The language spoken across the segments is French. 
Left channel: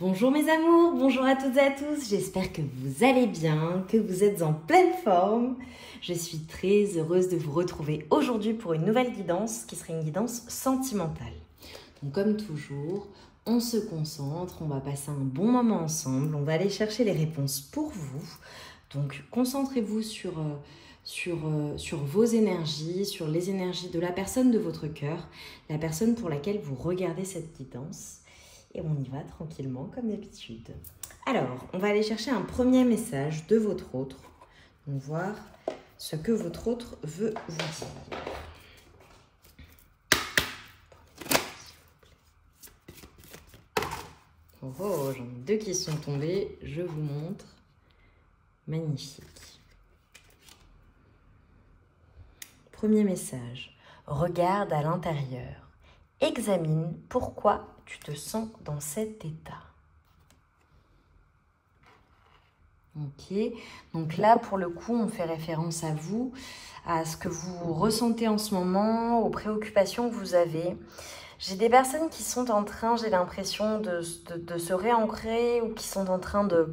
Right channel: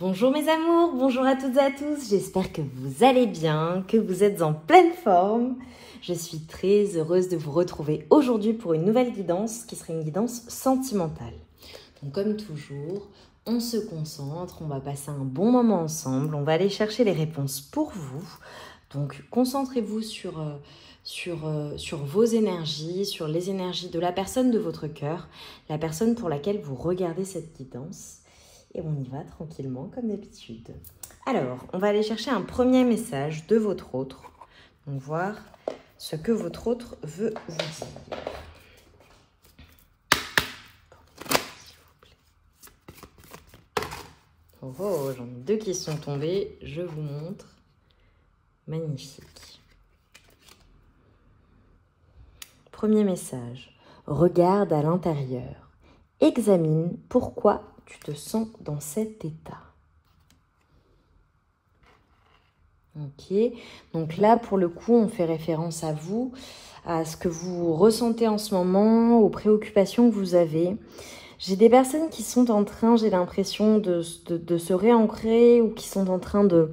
Bonjour mes amours, bonjour à toutes et à tous, j'espère que vous allez bien, que vous êtes en pleine forme. Je suis très heureuse de vous retrouver aujourd'hui pour une nouvelle guidance qui sera une guidance sentimentale. Donc comme toujours, on se concentre, on va passer un bon moment ensemble, on va aller chercher les réponses pour vous. Donc concentrez-vous sur vos énergies, sur les énergies de la personne de votre cœur, la personne pour laquelle vous regardez cette guidance. Et on y va tranquillement comme d'habitude. Alors, on va aller chercher un premier message de votre autre. Donc, voir ce que votre autre veut vous dire. Oh, j'en ai deux qui sont tombés. Je vous montre. Magnifique. Premier message. Regarde à l'intérieur. Examine pourquoi tu te sens dans cet état. Ok, donc là pour le coup on fait référence à vous, à ce que vous ressentez en ce moment, aux préoccupations que vous avez. J'ai des personnes qui sont en train, j'ai l'impression de se réancrer ou qui sont en train de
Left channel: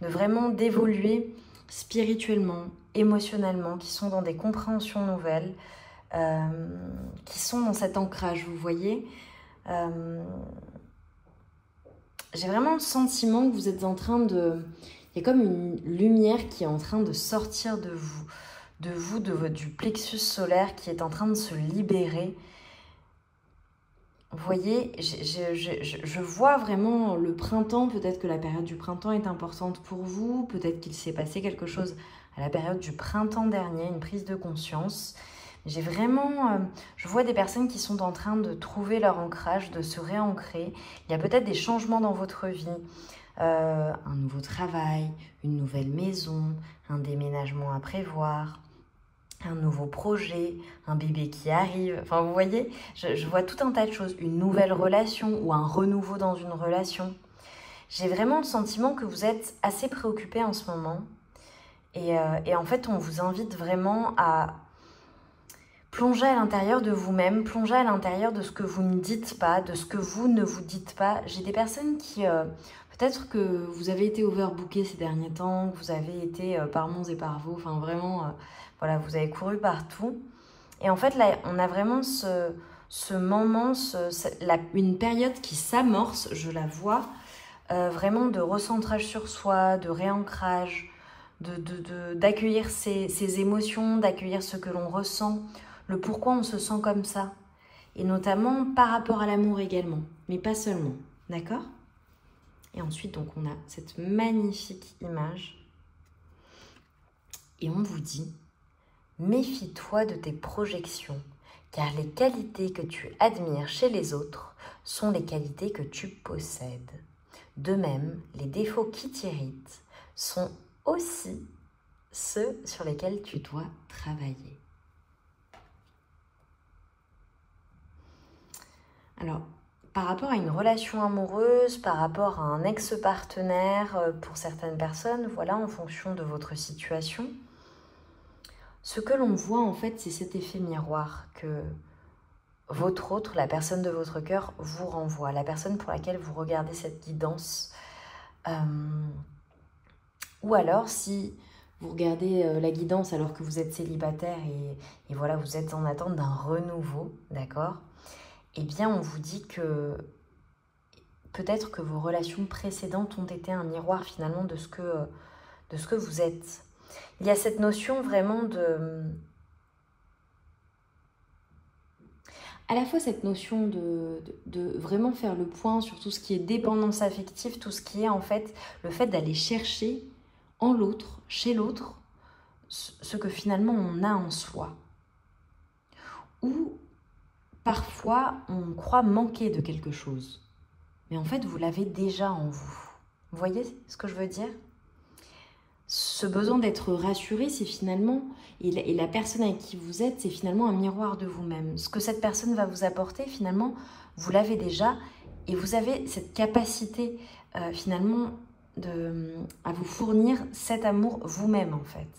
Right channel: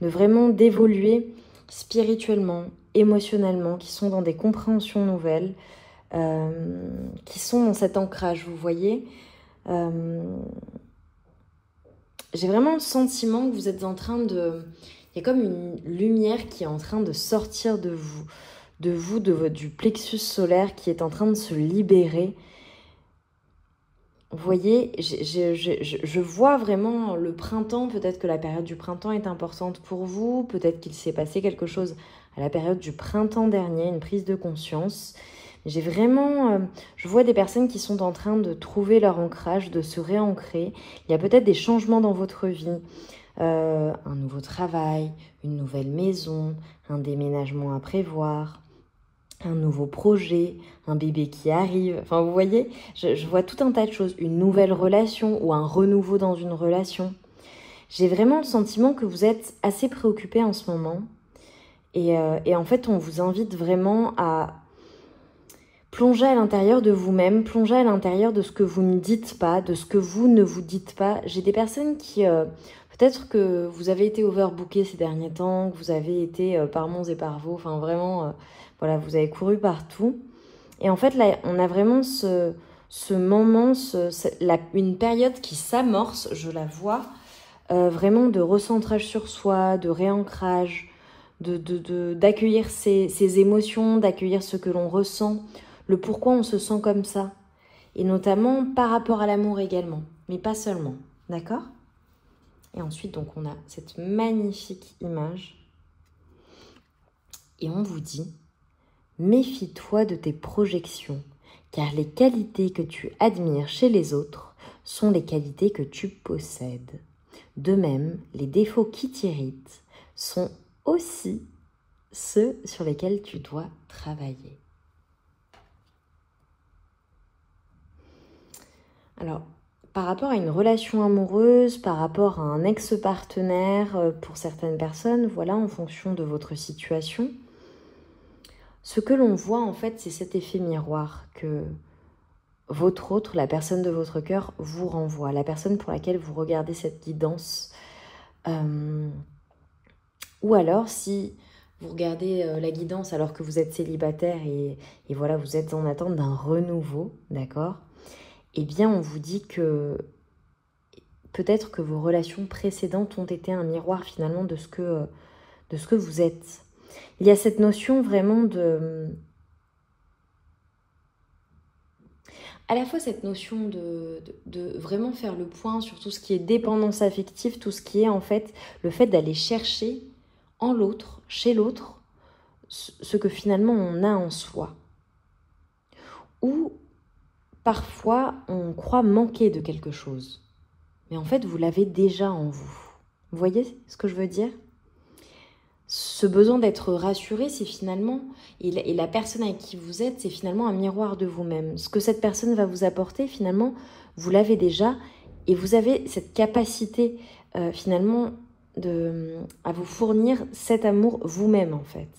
vraiment d'évoluer spirituellement, émotionnellement, qui sont dans des compréhensions nouvelles, qui sont dans cet ancrage, vous voyez. J'ai vraiment le sentiment que vous êtes en train de... Il y a comme une lumière qui est en train de sortir de vous, du plexus solaire qui est en train de se libérer. Vous voyez, je vois vraiment le printemps. Peut-être que la période du printemps est importante pour vous. Peut-être qu'il s'est passé quelque chose à la période du printemps dernier, une prise de conscience. J'ai vraiment, je vois des personnes qui sont en train de trouver leur ancrage, de se réancrer. Il y a peut-être des changements dans votre vie, un nouveau travail, une nouvelle maison, un déménagement à prévoir, un nouveau projet, un bébé qui arrive. Enfin, vous voyez, je vois tout un tas de choses, une nouvelle relation ou un renouveau dans une relation. J'ai vraiment le sentiment que vous êtes assez préoccupés en ce moment. Et en fait, on vous invite vraiment à plonger à l'intérieur de vous-même, plonger à l'intérieur de ce que vous ne dites pas, de ce que vous ne vous dites pas. J'ai des personnes qui, peut-être que vous avez été overbooké ces derniers temps, que vous avez été par monts et par vaux, enfin vraiment, voilà, vous avez couru partout. Et en fait, là, on a vraiment ce moment, une période qui s'amorce, je la vois, vraiment de recentrage sur soi, de réancrage, d'accueillir ses émotions, d'accueillir ce que l'on ressent, le pourquoi on se sent comme ça, et notamment par rapport à l'amour également, mais pas seulement, d'accord? Et ensuite, donc, on a cette magnifique image, et on vous dit, méfie-toi de tes projections, car les qualités que tu admires chez les autres sont les qualités que tu possèdes. De même, les défauts qui t'irritent sont aussi ceux sur lesquels tu dois travailler. Alors, par rapport à une relation amoureuse, par rapport à un ex-partenaire, pour certaines personnes, voilà, en fonction de votre situation, ce que l'on voit en fait, c'est cet effet miroir que votre autre, la personne de votre cœur, vous renvoie, la personne pour laquelle vous regardez cette guidance. Ou alors, si vous regardez la guidance alors que vous êtes célibataire et voilà, vous êtes en attente d'un renouveau, d'accord? Eh bien, on vous dit que peut-être que vos relations précédentes ont été un miroir finalement de ce que vous êtes. Il y a cette notion vraiment à la fois cette notion de vraiment faire le point sur tout ce qui est dépendance affective, tout ce qui est en fait le fait d'aller chercher en l'autre, chez l'autre, ce que finalement on a en soi. Ou parfois, on croit manquer de quelque chose. Mais en fait, vous l'avez déjà en vous. Vous voyez ce que je veux dire? Ce besoin d'être rassuré, c'est finalement... Et la personne avec qui vous êtes, c'est finalement un miroir de vous-même. Ce que cette personne va vous apporter, finalement, vous l'avez déjà. Et vous avez cette capacité, finalement, à vous fournir cet amour vous-même, en fait.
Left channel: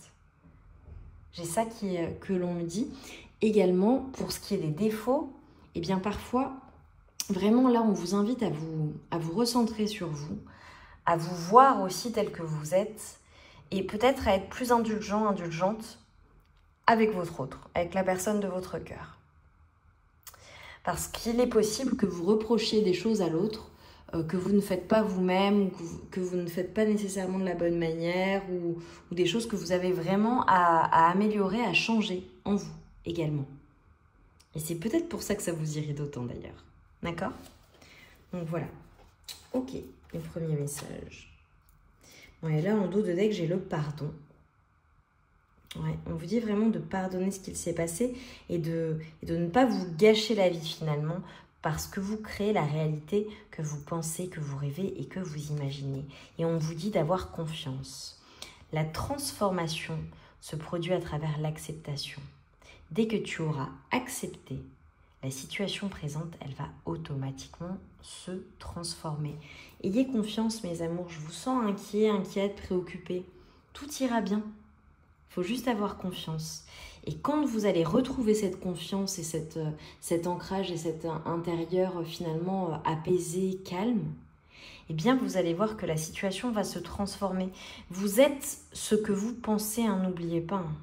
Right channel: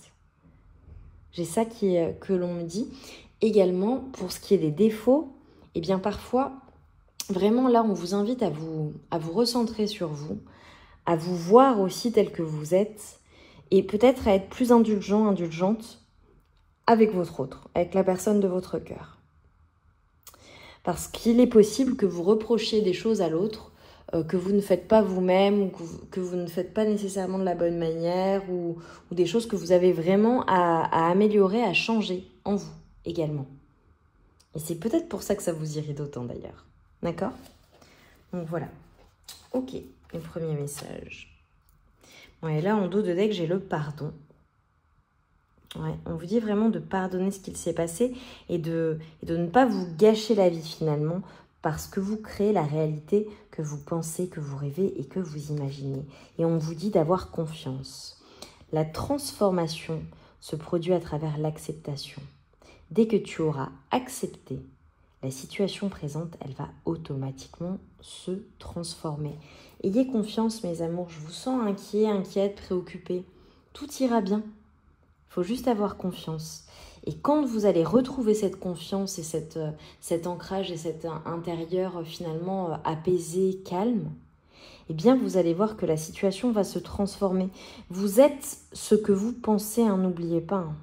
J'ai ça que l'on me dit. Également, pour ce qui est des défauts, eh bien parfois, vraiment là, on vous invite à vous recentrer sur vous, à vous voir aussi tel que vous êtes et peut-être à être plus indulgent, indulgente avec votre autre, avec la personne de votre cœur. Parce qu'il est possible que vous reprochiez des choses à l'autre que vous ne faites pas vous-même, ou que vous ne faites pas nécessairement de la bonne manière, ou des choses que vous avez vraiment à améliorer, à changer en vous également. Et c'est peut-être pour ça que ça vous irrite autant d'ailleurs. D'accord? Donc voilà. Ok, le premier message. Bon, et là, en dos de deck, j'ai le pardon. Ouais, on vous dit vraiment de pardonner ce qu'il s'est passé et de ne pas vous gâcher la vie finalement, parce que vous créez la réalité que vous pensez, que vous rêvez et que vous imaginez. Et on vous dit d'avoir confiance. La transformation se produit à travers l'acceptation. Dès que tu auras accepté la situation présente, elle va automatiquement se transformer. Ayez confiance, mes amours. Je vous sens inquiet, inquiète, préoccupé. Tout ira bien. Il faut juste avoir confiance. Et quand vous allez retrouver cette confiance et cet ancrage et cet intérieur finalement apaisé, calme, eh bien vous allez voir que la situation va se transformer. Vous êtes ce que vous pensez, hein, n'oubliez pas. Hein.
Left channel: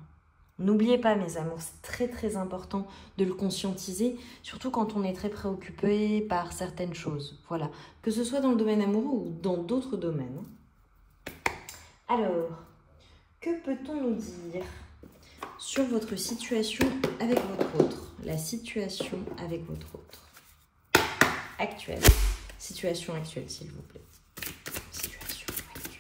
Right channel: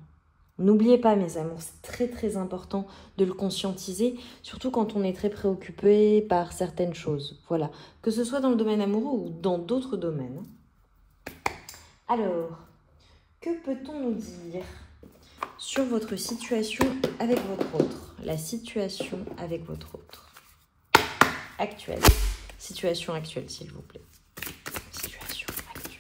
N'oubliez pas, mes amours, c'est très très important de le conscientiser, surtout quand on est très préoccupé par certaines choses. Voilà, que ce soit dans le domaine amoureux ou dans d'autres domaines. Alors, que peut-on nous dire sur votre situation avec votre autre? La situation avec votre autre. Actuelle. Situation actuelle, s'il vous plaît. Situation actuelle.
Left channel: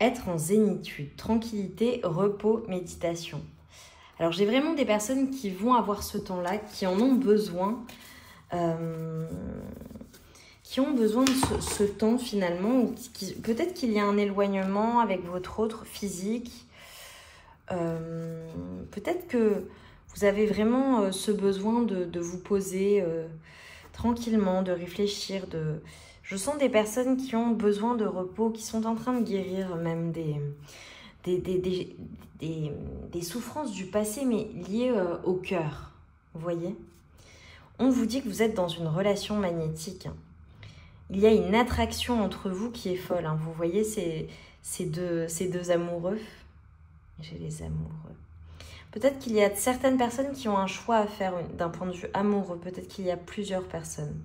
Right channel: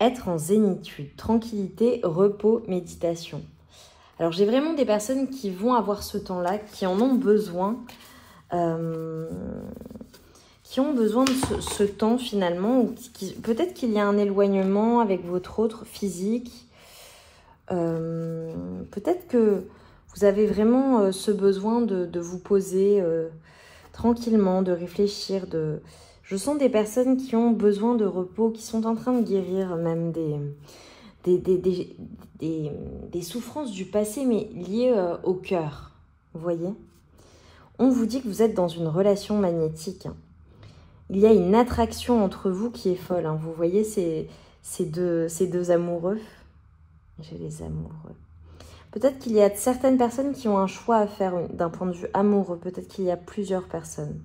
Être en zénitude, tranquillité, repos, méditation. Alors, j'ai vraiment des personnes qui vont avoir ce temps-là, qui en ont besoin. Qui ont besoin de ce temps finalement, peut-être qu'il y a un éloignement avec votre autre physique, peut-être que vous avez vraiment ce besoin de vous poser tranquillement, de réfléchir. Je sens des personnes qui ont besoin de repos, qui sont en train de guérir même des souffrances du passé, mais liées au cœur, vous voyez. On vous dit que vous êtes dans une relation magnétique. Il y a une attraction entre vous qui est folle. Hein. Vous voyez ces deux amoureux. J'ai les amoureux. Peut-être qu'il y a certaines personnes qui ont un choix à faire d'un point de vue amoureux. Peut-être qu'il y a plusieurs personnes.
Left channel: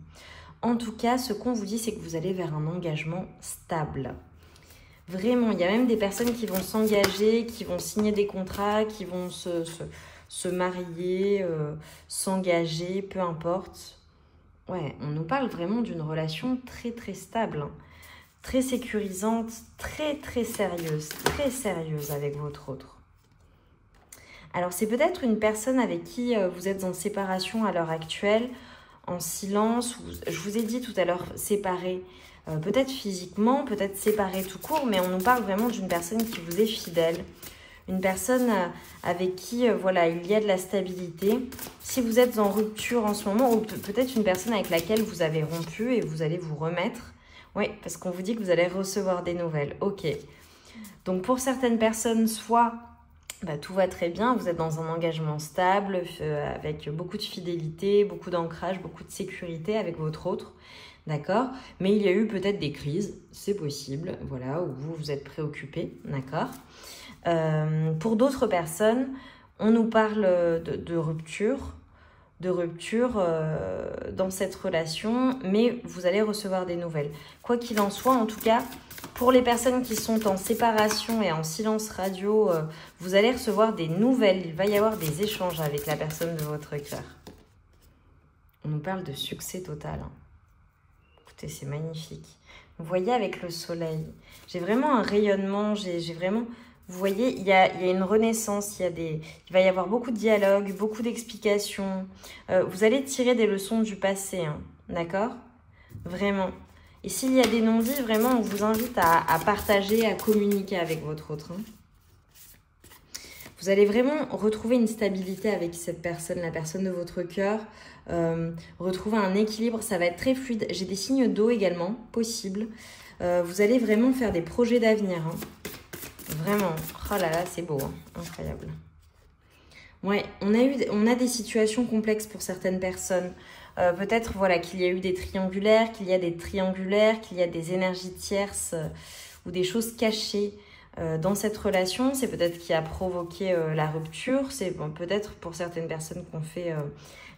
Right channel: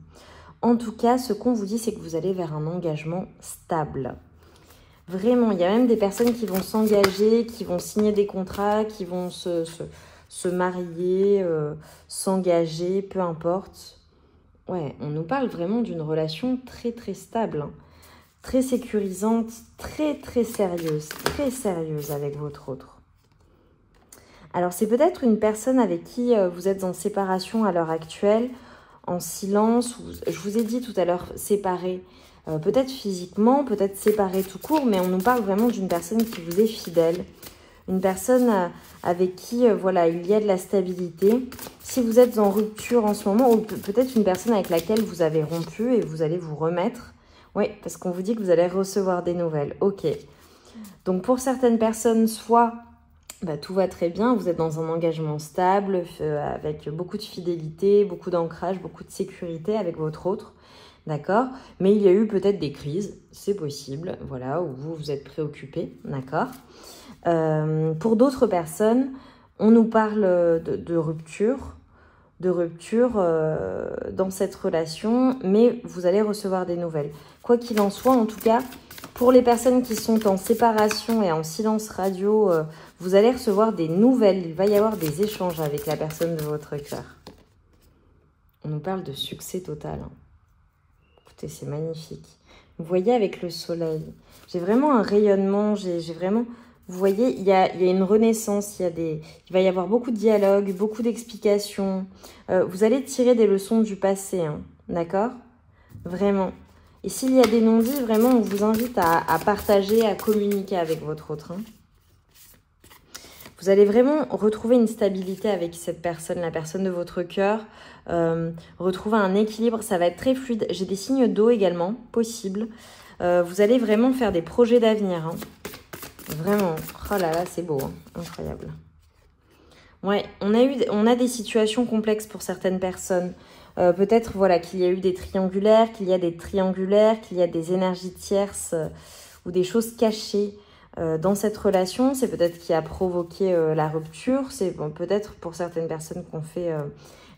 En tout cas, ce qu'on vous dit, c'est que vous allez vers un engagement stable. Vraiment, il y a même des personnes qui vont s'engager, qui vont signer des contrats, qui vont se marier, s'engager, peu importe. Ouais, on nous parle vraiment d'une relation très très stable, hein, très sécurisante, très très sérieuse avec votre autre. Alors c'est peut-être une personne avec qui vous êtes en séparation à l'heure actuelle, en silence, je vous ai dit tout à l'heure séparés, peut-être physiquement, peut-être séparés tout court, mais on nous parle vraiment d'une personne qui vous est fidèle. Une personne avec qui, voilà, il y a de la stabilité. Si vous êtes en rupture en ce moment, ou peut-être une personne avec laquelle vous avez rompu et vous allez vous remettre. Oui, parce qu'on vous dit que vous allez recevoir des nouvelles. Ok. Donc, pour certaines personnes, soit tout va très bien, vous êtes dans un engagement stable, avec beaucoup de fidélité, beaucoup d'ancrage, beaucoup de sécurité avec votre autre. D'accord? Mais il y a eu peut-être des crises, c'est possible, voilà, où vous êtes préoccupé, d'accord? Pour d'autres personnes, on nous parle de rupture dans cette relation, mais vous allez recevoir des nouvelles. Quoi qu'il en soit, en tout cas, pour les personnes qui sont en séparation et en silence radio, vous allez recevoir des nouvelles. Il va y avoir des échanges avec la personne de votre cœur. On nous parle de succès total. Écoutez, c'est magnifique. Vous voyez avec le soleil, j'ai vraiment un rayonnement, j'ai vraiment... Vous voyez, il y a une renaissance, il va y avoir beaucoup de dialogues, beaucoup d'explications. Vous allez tirer des leçons du passé, hein, d'accord? Vraiment. Et s'il y a des non-dits, vraiment, on vous invite à partager, à communiquer avec votre autre. Hein. Vous allez vraiment retrouver une stabilité avec cette personne, la personne de votre cœur. Retrouver un équilibre, ça va être très fluide. J'ai des signes d'eau également, possible. Vous allez vraiment faire des projets d'avenir, hein. Vraiment, oh là là, c'est beau, hein. Incroyable. Ouais, on a des situations complexes pour certaines personnes. Peut-être voilà, qu'il y a eu des triangulaires, qu'il y a des triangulaires, qu'il y a des énergies tierces ou des choses cachées dans cette relation. C'est peut-être qui a provoqué la rupture. C'est bon, peut-être pour certaines personnes qu'on fait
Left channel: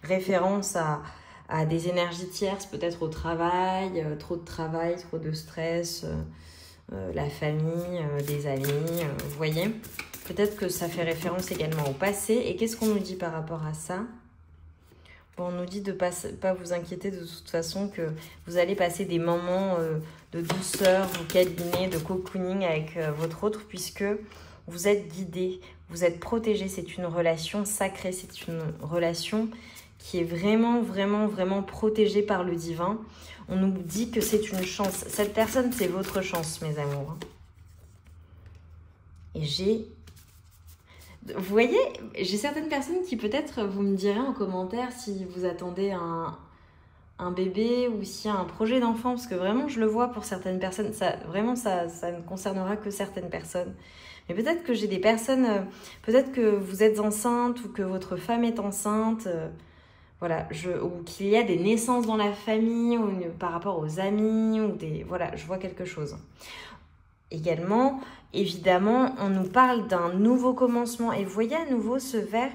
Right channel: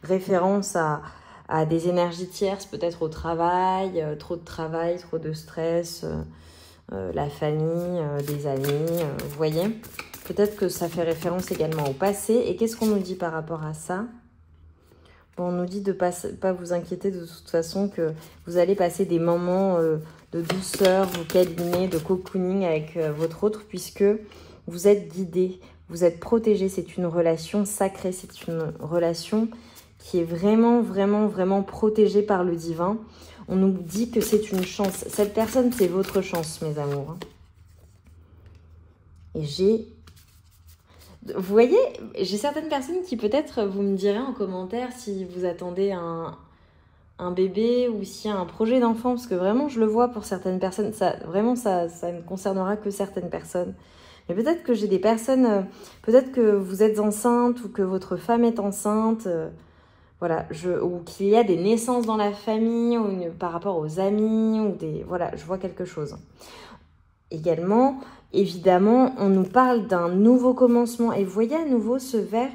référence à des énergies tierces, peut-être au travail, trop de stress, la famille, des amis, vous voyez. Peut-être que ça fait référence également au passé. Et qu'est-ce qu'on nous dit par rapport à ça? Bon, on nous dit de ne pas vous inquiéter de toute façon, que vous allez passer des moments de douceur, de câliner, de cocooning avec votre autre, puisque vous êtes guidé, vous êtes protégé. C'est une relation sacrée, c'est une relation qui est vraiment, vraiment, vraiment protégée par le divin. On nous dit que c'est une chance. Cette personne, c'est votre chance, mes amours. Et vous voyez, j'ai certaines personnes qui peut-être, vous me direz en commentaire si vous attendez un bébé ou si un projet d'enfant, parce que vraiment, je le vois pour certaines personnes. Vraiment, ça ne concernera que certaines personnes. Mais peut-être que j'ai des personnes, peut-être que vous êtes enceinte ou que votre femme est enceinte, voilà, ou qu'il y a des naissances dans la famille ou par rapport aux amis, ou voilà, je vois quelque chose. Également, évidemment, on nous parle d'un nouveau commencement. Et vous voyez à nouveau ce vert,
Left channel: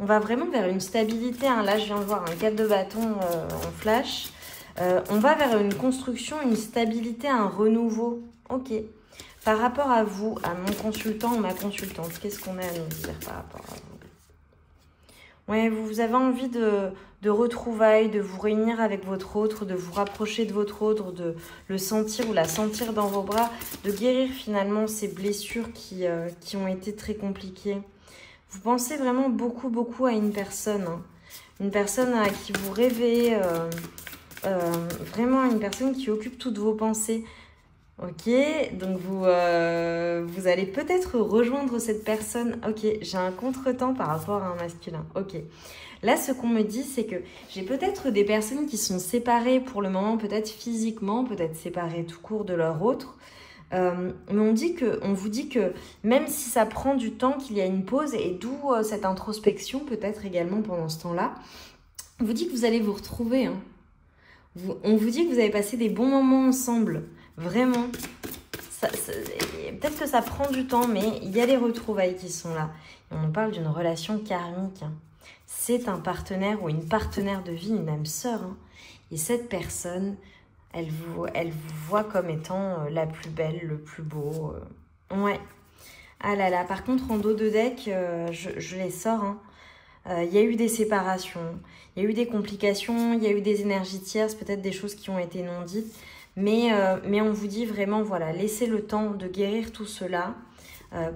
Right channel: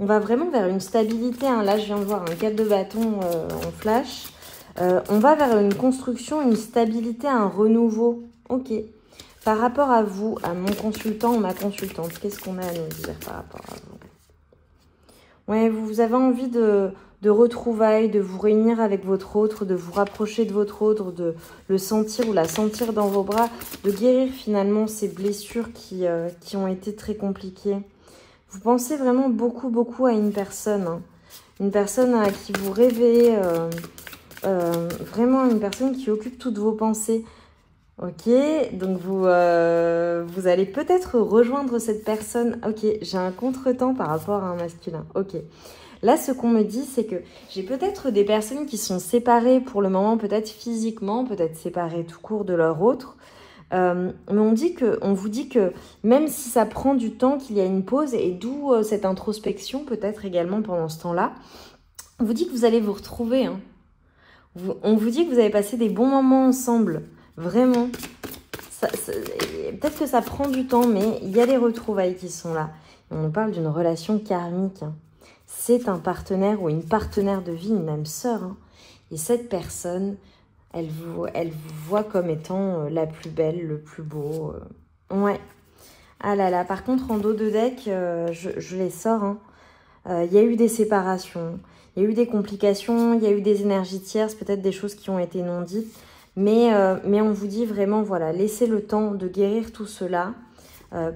on va vraiment vers une stabilité. Hein. Là, je viens de voir un 4 de bâton en flash. On va vers une construction, une stabilité, un renouveau. Ok. Par rapport à vous, à mon consultant ou ma consultante, qu'est-ce qu'on a à nous dire par rapport à vous? Ouais, vous avez envie de retrouvailles, de vous réunir avec votre autre, de vous rapprocher de votre autre, de le sentir ou la sentir dans vos bras, de guérir finalement ces blessures qui ont été très compliquées. Vous pensez vraiment beaucoup, beaucoup à une personne. Hein. Une personne à qui vous rêvez, vraiment une personne qui occupe toutes vos pensées. Ok, donc vous allez peut-être rejoindre cette personne. Ok, j'ai un contretemps par rapport à un masculin. Ok. Là, ce qu'on me dit, c'est que j'ai peut-être des personnes qui sont séparées pour le moment, peut-être physiquement, peut-être séparées tout court de leur autre. Mais on vous dit que même si ça prend du temps, qu'il y a une pause, et d'où cette introspection peut-être également pendant ce temps-là, on vous dit que vous allez vous retrouver. Hein. On vous dit que vous avez passé des bons moments ensemble. Vraiment. Peut-être que ça prend du temps, mais il y a des retrouvailles qui sont là. Et on parle d'une relation karmique. Hein. C'est un partenaire ou une partenaire de vie, une âme sœur. Hein. Et cette personne, elle vous voit comme étant la plus belle, le plus beau. Ouais. Ah là là, par contre, en dos de deck, je les sors. Hein. Il y a eu des séparations, il y a eu des complications, il y a eu des énergies tierces, peut-être des choses qui ont été non dites. Mais on vous dit vraiment, voilà, laissez le temps de guérir tout cela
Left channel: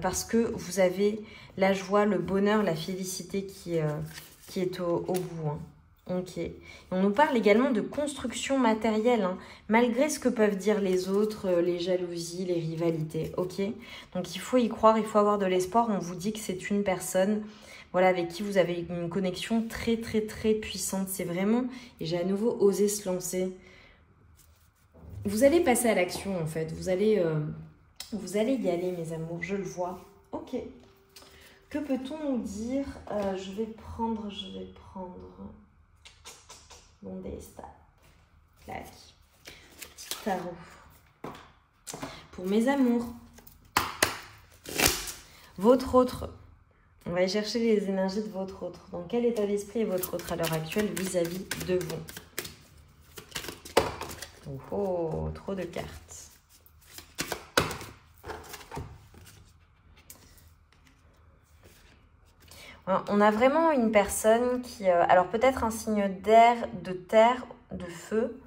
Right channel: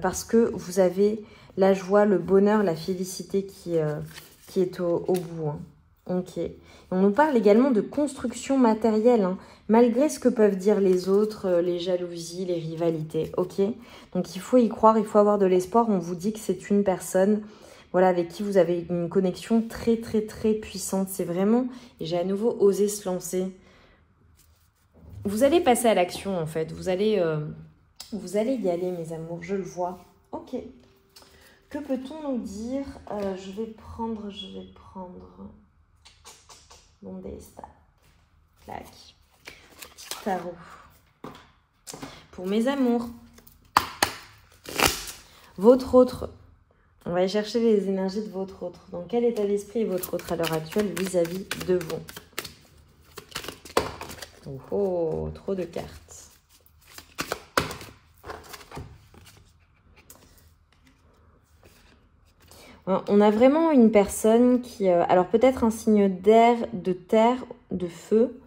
parce que vous avez la joie, le bonheur, la félicité qui est au bout. Hein. Ok. On nous parle également de construction matérielle, hein, malgré ce que peuvent dire les autres, les jalousies, les rivalités. Ok. Donc il faut y croire, il faut avoir de l'espoir. On vous dit que c'est une personne, voilà, avec qui vous avez une connexion très très très puissante. C'est vraiment, et j'ai à nouveau osé se lancer. Vous allez passer à l'action en fait. Vous allez y aller, mes amours. Je le vois. Ok. Que peut-on nous dire? Je vais prendre mon destin. Clac. Petit tarot. Pour mes amours. Votre autre. On va aller chercher les énergies de votre autre. Dans quel état d'esprit est votre autre à l'heure actuelle vis-à-vis de vous? Oh, trop de cartes. On a vraiment une personne qui... alors peut-être un signe d'air, de terre, de feu.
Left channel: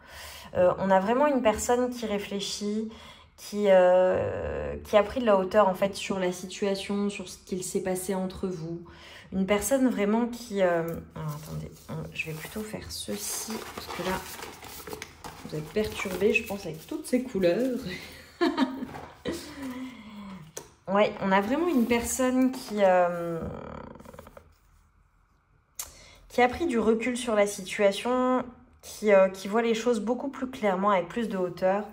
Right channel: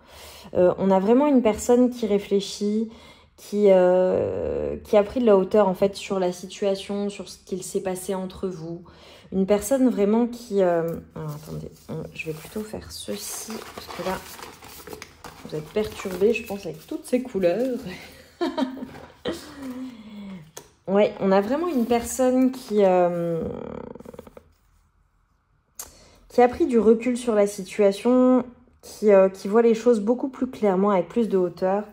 On a vraiment une personne qui réfléchit, qui a pris de la hauteur en fait sur la situation, sur ce qu'il s'est passé entre vous. Une personne vraiment qui... alors attendez, je vais plutôt faire ceci, parce que là... Vous êtes perturbés, je pense, avec toutes ces couleurs. Ouais, on a vraiment une personne qui a pris du recul sur la situation, qui voit les choses beaucoup plus clairement, avec plus de hauteur.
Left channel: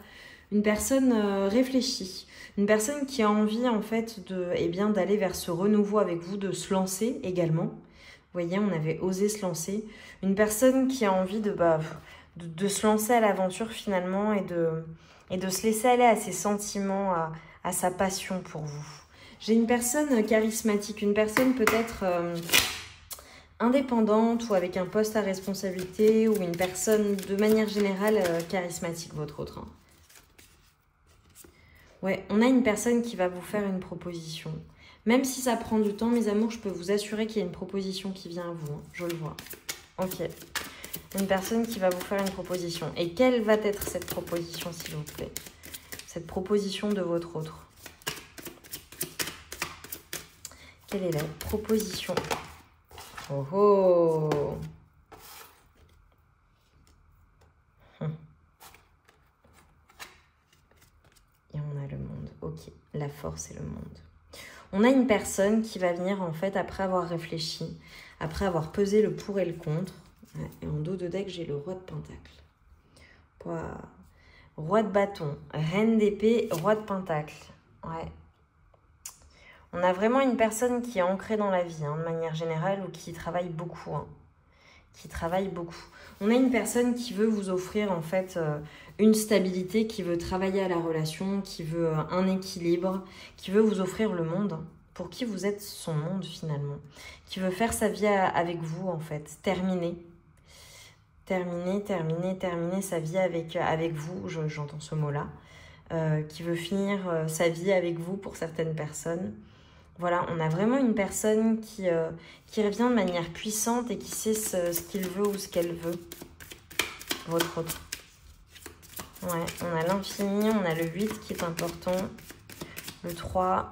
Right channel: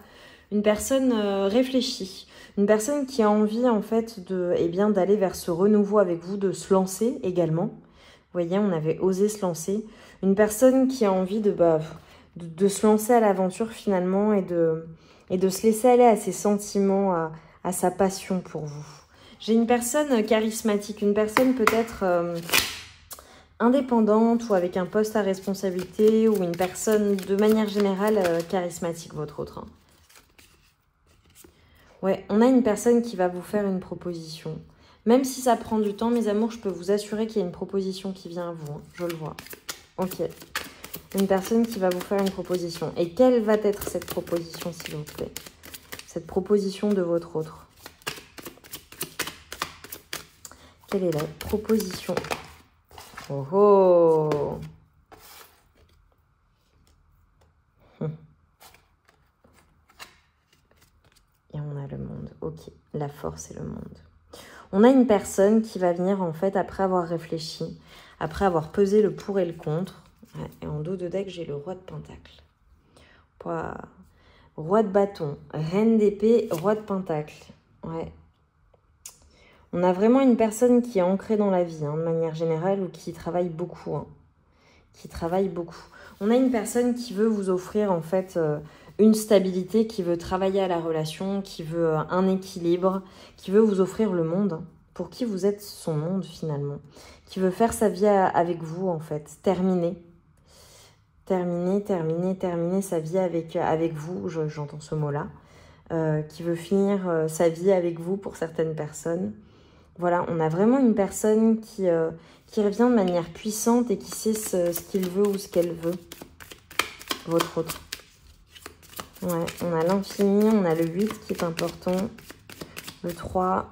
Une personne réfléchie. Une personne qui a envie, en fait, d'aller vers ce renouveau avec vous, de se lancer également. voyez, on avait osé se lancer. Une personne qui a envie de se lancer à l'aventure finalement et de se laisser aller à ses sentiments, à sa passion pour vous. J'ai une personne charismatique, une personne peut-être indépendante ou avec un poste à responsabilité ou une personne de manière générale charismatique, votre autre. Hein. Ouais, on a une personne qui va vous faire une proposition. Même si ça prend du temps, mes amours, je peux vous assurer qu'il y a une proposition qui vient à vous. Hein. Je le vois. Ok. Une personne qui va vous faire une proposition. Et quelle va être cette proposition, s'il vous plaît? Cette proposition de votre autre. Quelle est la proposition? Oh oh! Et on a le monde. Ok, la force et le monde. On a une personne qui va venir, en fait, après avoir réfléchi, après avoir pesé le pour et le contre. Et en dos de deck, j'ai le roi de pentacle. Roi de bâton, reine d'épée, roi de pentacle. Ouais. On a vraiment une personne qui est ancrée dans la vie, hein, de manière générale, ou qui travaille beaucoup. Hein. Qui travaille beaucoup. On a une personne qui veut vous offrir, en fait, une stabilité, qui veut travailler à la relation, qui veut un équilibre, qui veut vous offrir le monde, pour qui vous êtes son monde, finalement. Qui veut faire sa vie avec vous, en fait. Terminer sa vie avec vous, j'entends ce mot-là. Qui veut finir sa vie avec vous pour certaines personnes. Voilà, on a vraiment une personne qui revient de manière puissante et qui sait ce qu'il veut ou ce qu'elle veut. Votre autre. Ouais, on a l'infini, on a le 8 qui est important. Le 3,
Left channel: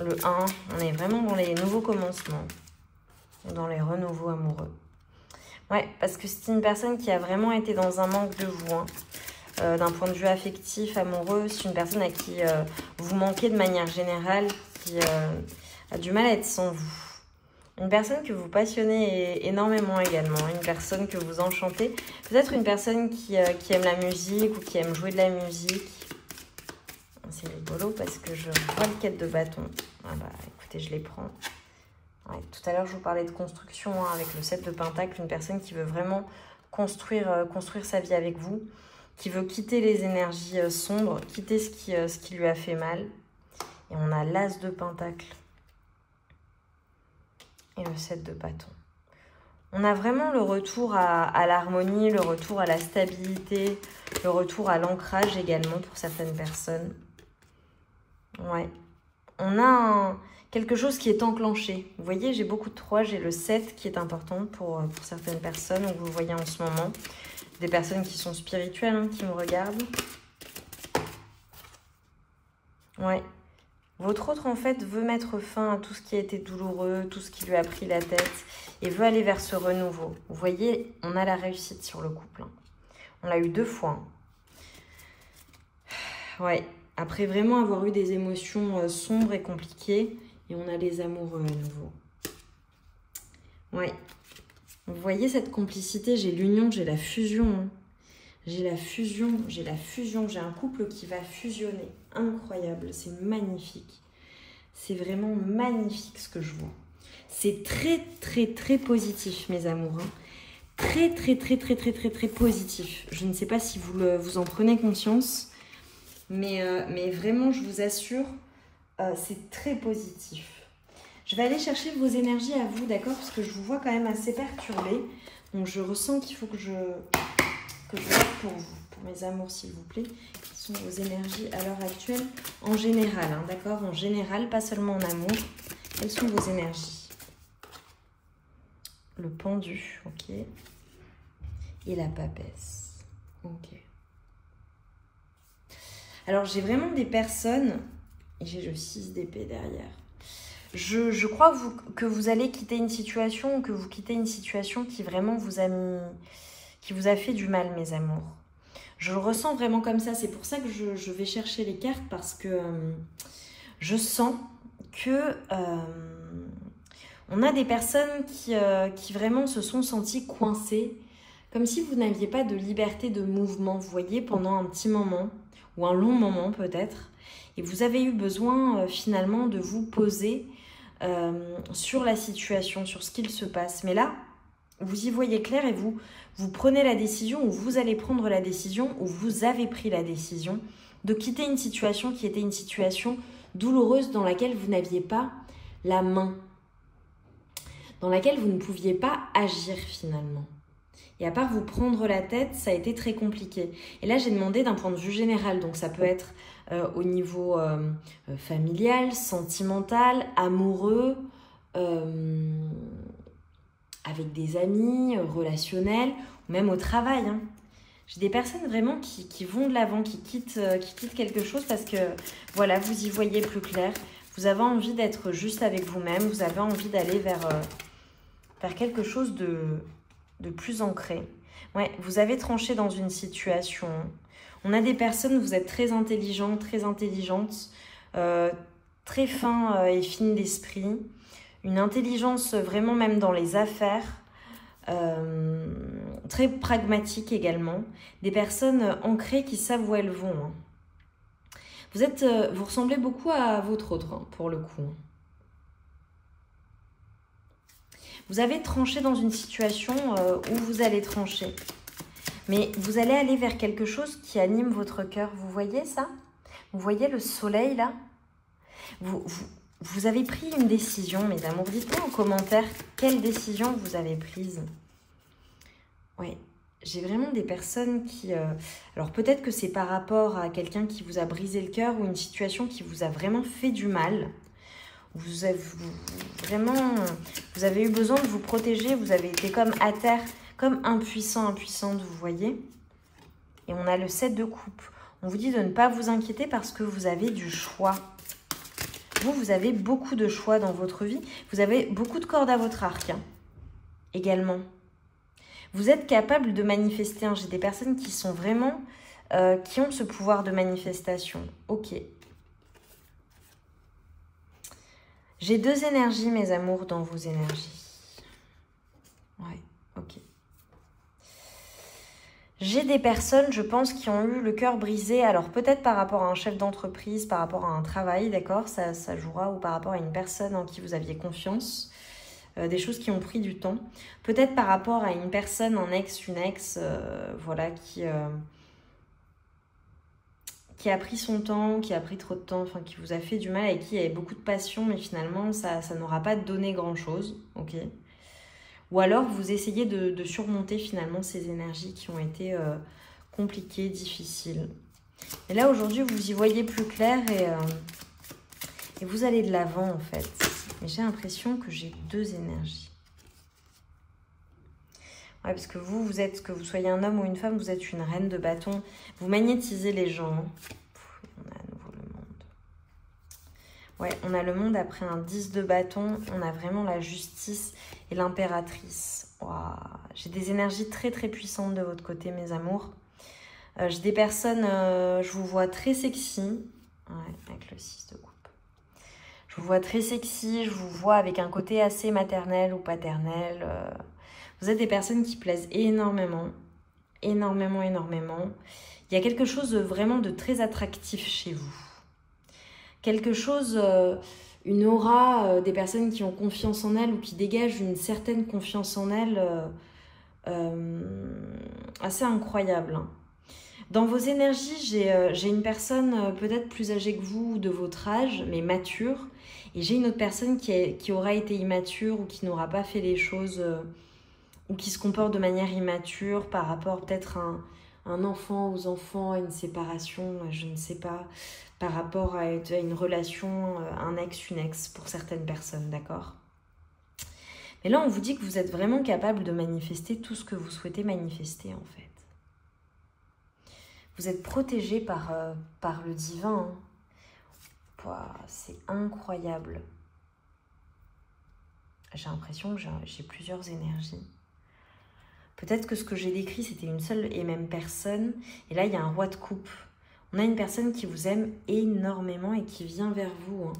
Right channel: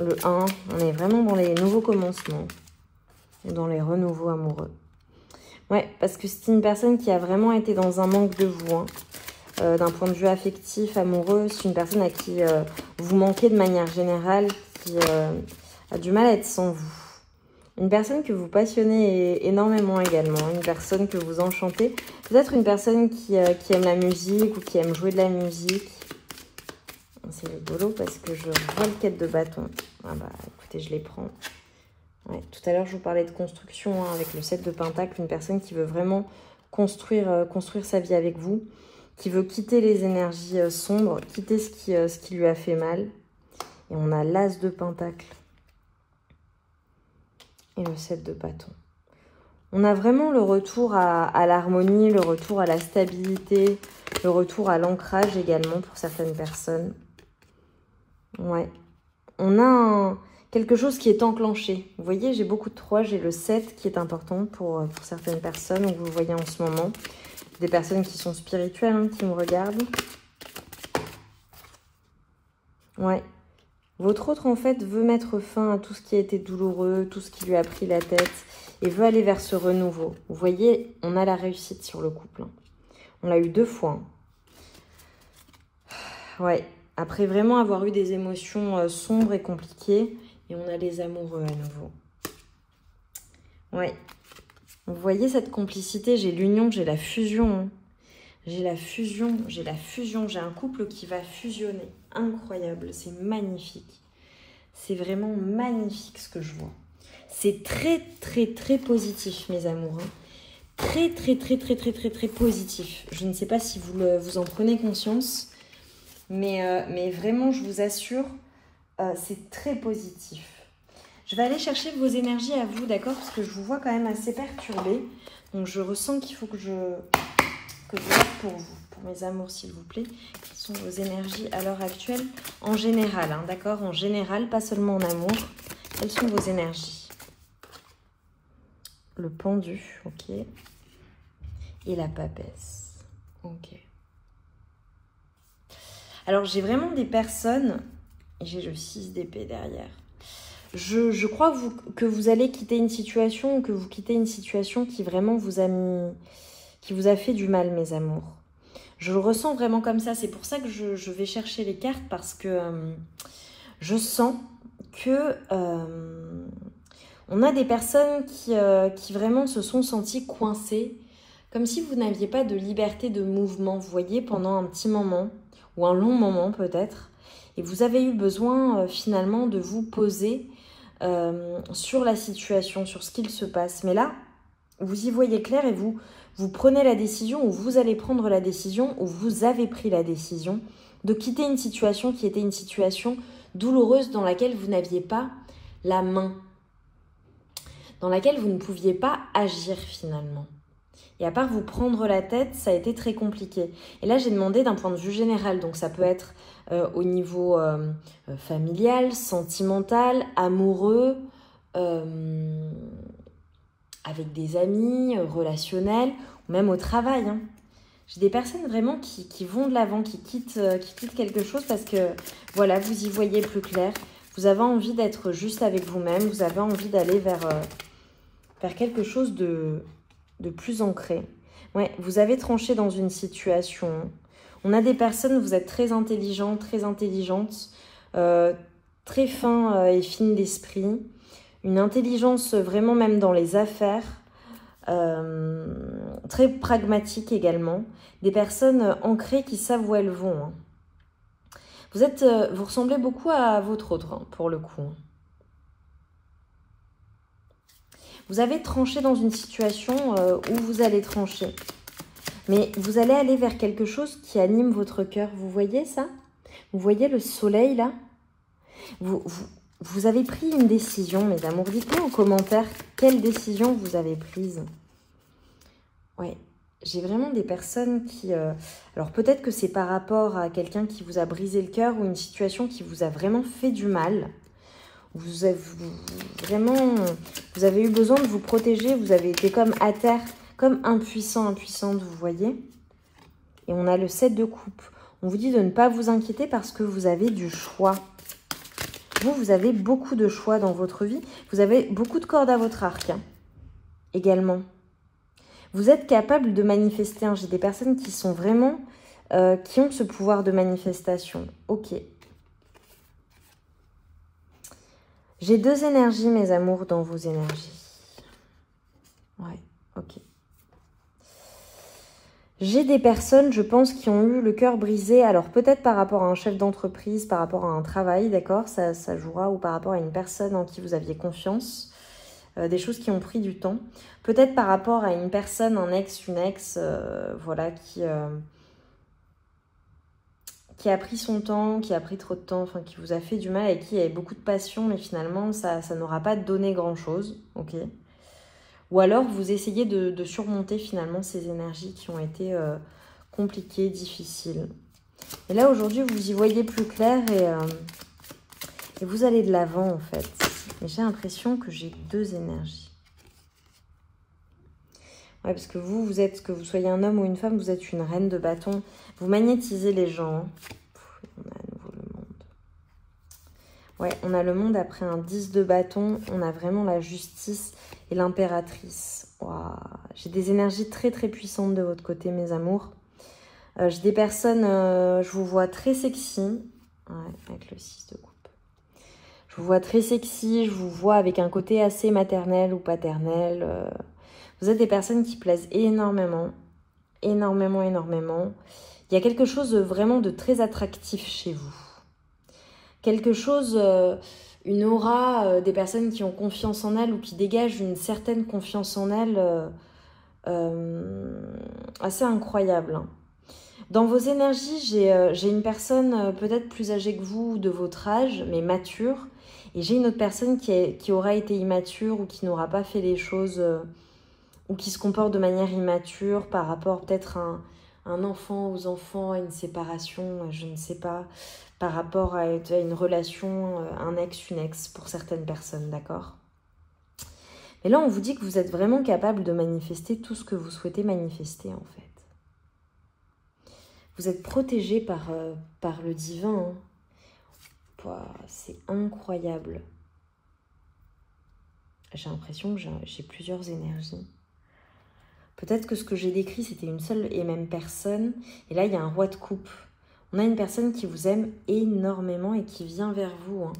le 1. On est vraiment dans les nouveaux commencements. Dans les renouveaux amoureux. Ouais, parce que c'est une personne qui a vraiment été dans un manque de vous. Hein. D'un point de vue affectif, amoureux, c'est une personne à qui vous manquez de manière générale, qui a du mal à être sans vous. Une personne que vous passionnez énormément également, une personne que vous enchantez. Peut-être une personne qui aime la musique ou qui aime jouer de la musique. C'est rigolo parce que je vois le 4 de bâton. Ah bah écoutez, je les prends. Ouais, tout à l'heure, je vous parlais de construction hein, avec le 7 de pentacle. Une personne qui veut vraiment construire sa vie avec vous. Qui veut quitter les énergies sombres, quitter ce qui lui a fait mal. Et on a l'as de pentacle. Et le 7 de bâton. On a vraiment le retour à l'harmonie, le retour à la stabilité, le retour à l'ancrage également pour certaines personnes. Ouais. On a quelque chose qui est enclenché. Vous voyez, j'ai beaucoup de 3, j'ai le 7 qui est important pour certaines personnes, vous le voyez en ce moment. Des personnes qui sont spirituelles, hein, qui me regardent. Ouais. Votre autre, en fait, veut mettre fin à tout ce qui a été douloureux, tout ce qui lui a pris la tête, et veut aller vers ce renouveau. Vous voyez, on a la réussite sur le couple. Hein. On l'a eu 2 fois. Hein. Ouais. Après vraiment avoir eu des émotions sombres et compliquées, et on a les amoureux à nouveau. Ouais. Vous voyez cette complicité, j'ai l'union, j'ai la fusion. Hein. J'ai la fusion, j'ai un couple qui va fusionner. Incroyable, c'est magnifique. C'est vraiment magnifique ce que je vois. C'est très, très, très positif, mes amours. Hein. Très, très, très, très, très, très, très positif. Je ne sais pas si vous en prenez conscience, mais vraiment, je vous assure, c'est très positif. Je vais aller chercher vos énergies à vous, d'accord? Parce que je vous vois quand même assez perturbé. Donc, je ressens qu'il faut que je note pour vous, pour mes amours, s'il vous plaît. Quelles sont vos énergies à l'heure actuelle? En général, hein, d'accord? En général, pas seulement en amour. Quelles sont vos énergies? Le pendu, ok. Et la papesse, ok. Alors, j'ai vraiment des personnes, et j'ai le 6 d'épée derrière. Je crois que vous allez quitter une situation ou que vous quittez une situation qui vraiment vous a fait du mal, mes amours. Je le ressens vraiment comme ça. C'est pour ça que je vais chercher les cartes parce que je sens que on a des personnes qui vraiment se sont senties coincées, comme si vous n'aviez pas de liberté de mouvement, vous voyez, pendant un petit moment ou un long moment peut-être. Et vous avez eu besoin finalement de vous poser sur la situation, sur ce qu'il se passe. Mais là, vous y voyez clair et vous prenez la décision, ou vous allez prendre la décision, ou vous avez pris la décision de quitter une situation qui était une situation douloureuse dans laquelle vous n'aviez pas la main, dans laquelle vous ne pouviez pas agir finalement. Et à part vous prendre la tête, ça a été très compliqué. Et là, j'ai demandé d'un point de vue général, donc ça peut être au niveau familial, sentimental, amoureux, avec des amis, relationnel, ou même au travail. Hein. J'ai des personnes vraiment qui vont de l'avant, qui quittent quelque chose parce que, voilà, vous y voyez plus clair. Vous avez envie d'être juste avec vous-même, vous avez envie d'aller vers quelque chose de plus ancré. Ouais, vous avez tranché dans une situation. On a des personnes, vous êtes très intelligents, très intelligentes, très fins et fines d'esprit. Une intelligence vraiment même dans les affaires. Très pragmatique également. Des personnes ancrées qui savent où elles vont. Hein. Vous ressemblez beaucoup à votre autre, hein, pour le coup. Vous avez tranché dans une situation où vous allez trancher. Mais vous allez aller vers quelque chose qui anime votre cœur. Vous voyez ça? Vous voyez le soleil là? Vous avez pris une décision, mes amours. Dites-moi en commentaire quelle décision vous avez prise. Ouais, j'ai vraiment des personnes qui... alors peut-être que c'est par rapport à quelqu'un qui vous a brisé le cœur ou une situation qui vous a vraiment fait du mal. Vous avez eu besoin de vous protéger, vous avez été comme à terre, comme impuissante, vous voyez. Et on a le 7 de coupe. On vous dit de ne pas vous inquiéter parce que vous avez du choix. Vous avez beaucoup de choix dans votre vie. Vous avez beaucoup de cordes à votre arc, hein, également. Vous êtes capable de manifester. Hein. J'ai des personnes qui sont vraiment, qui ont ce pouvoir de manifestation. Ok. J'ai deux énergies, mes amours, dans vos énergies. Ouais, ok. J'ai des personnes, je pense, qui ont eu le cœur brisé. Alors, peut-être par rapport à un chef d'entreprise, par rapport à un travail, d'accord, ça jouera, ou par rapport à une personne en qui vous aviez confiance. Des choses qui ont pris du temps. Peut-être par rapport à une personne, un ex, une ex, voilà, qui a pris son temps, qui a pris trop de temps, enfin qui vous a fait du mal et qui avait beaucoup de passion, mais finalement, ça n'aura pas donné grand-chose, ok. Ou alors, vous essayez de surmonter finalement ces énergies qui ont été compliquées, difficiles. Et là, aujourd'hui, vous y voyez plus clair et vous allez de l'avant, en fait. Mais j'ai l'impression que j'ai deux énergies. Ouais, parce que vous êtes, que vous soyez un homme ou une femme, vous êtes une reine de bâton. Vous magnétisez les gens. On a à nouveau le monde. Ouais, on a le monde après un 10 de bâton. On a vraiment la justice et l'impératrice. Wow. J'ai des énergies très très puissantes de votre côté, mes amours. J'ai des personnes, je vous vois très sexy. Ouais, avec le 6 de coupe. Je vous vois très sexy, je vous vois avec un côté assez maternel ou paternel. Vous êtes des personnes qui plaisent énormément, énormément, énormément. Il y a quelque chose vraiment de très attractif chez vous. Quelque chose, une aura, des personnes qui ont confiance en elles ou qui dégagent une certaine confiance en elles assez incroyable. Hein. Dans vos énergies, j'ai une personne peut-être plus âgée que vous, de votre âge, mais mature. Et j'ai une autre personne qui aura été immature ou qui n'aura pas fait les choses ou qui se comporte de manière immature par rapport peut-être à un enfant aux enfants, à une séparation, je ne sais pas, par rapport à une relation, un ex, une ex pour certaines personnes, d'accord? Mais là, on vous dit que vous êtes vraiment capable de manifester tout ce que vous souhaitez manifester, en fait. Vous êtes protégé par le divin, hein. Wow, c'est incroyable. J'ai l'impression que j'ai plusieurs énergies. Peut-être que ce que j'ai décrit, c'était une seule et même personne. Et là, il y a un roi de coupe. On a une personne qui vous aime énormément et qui vient vers vous. Hein,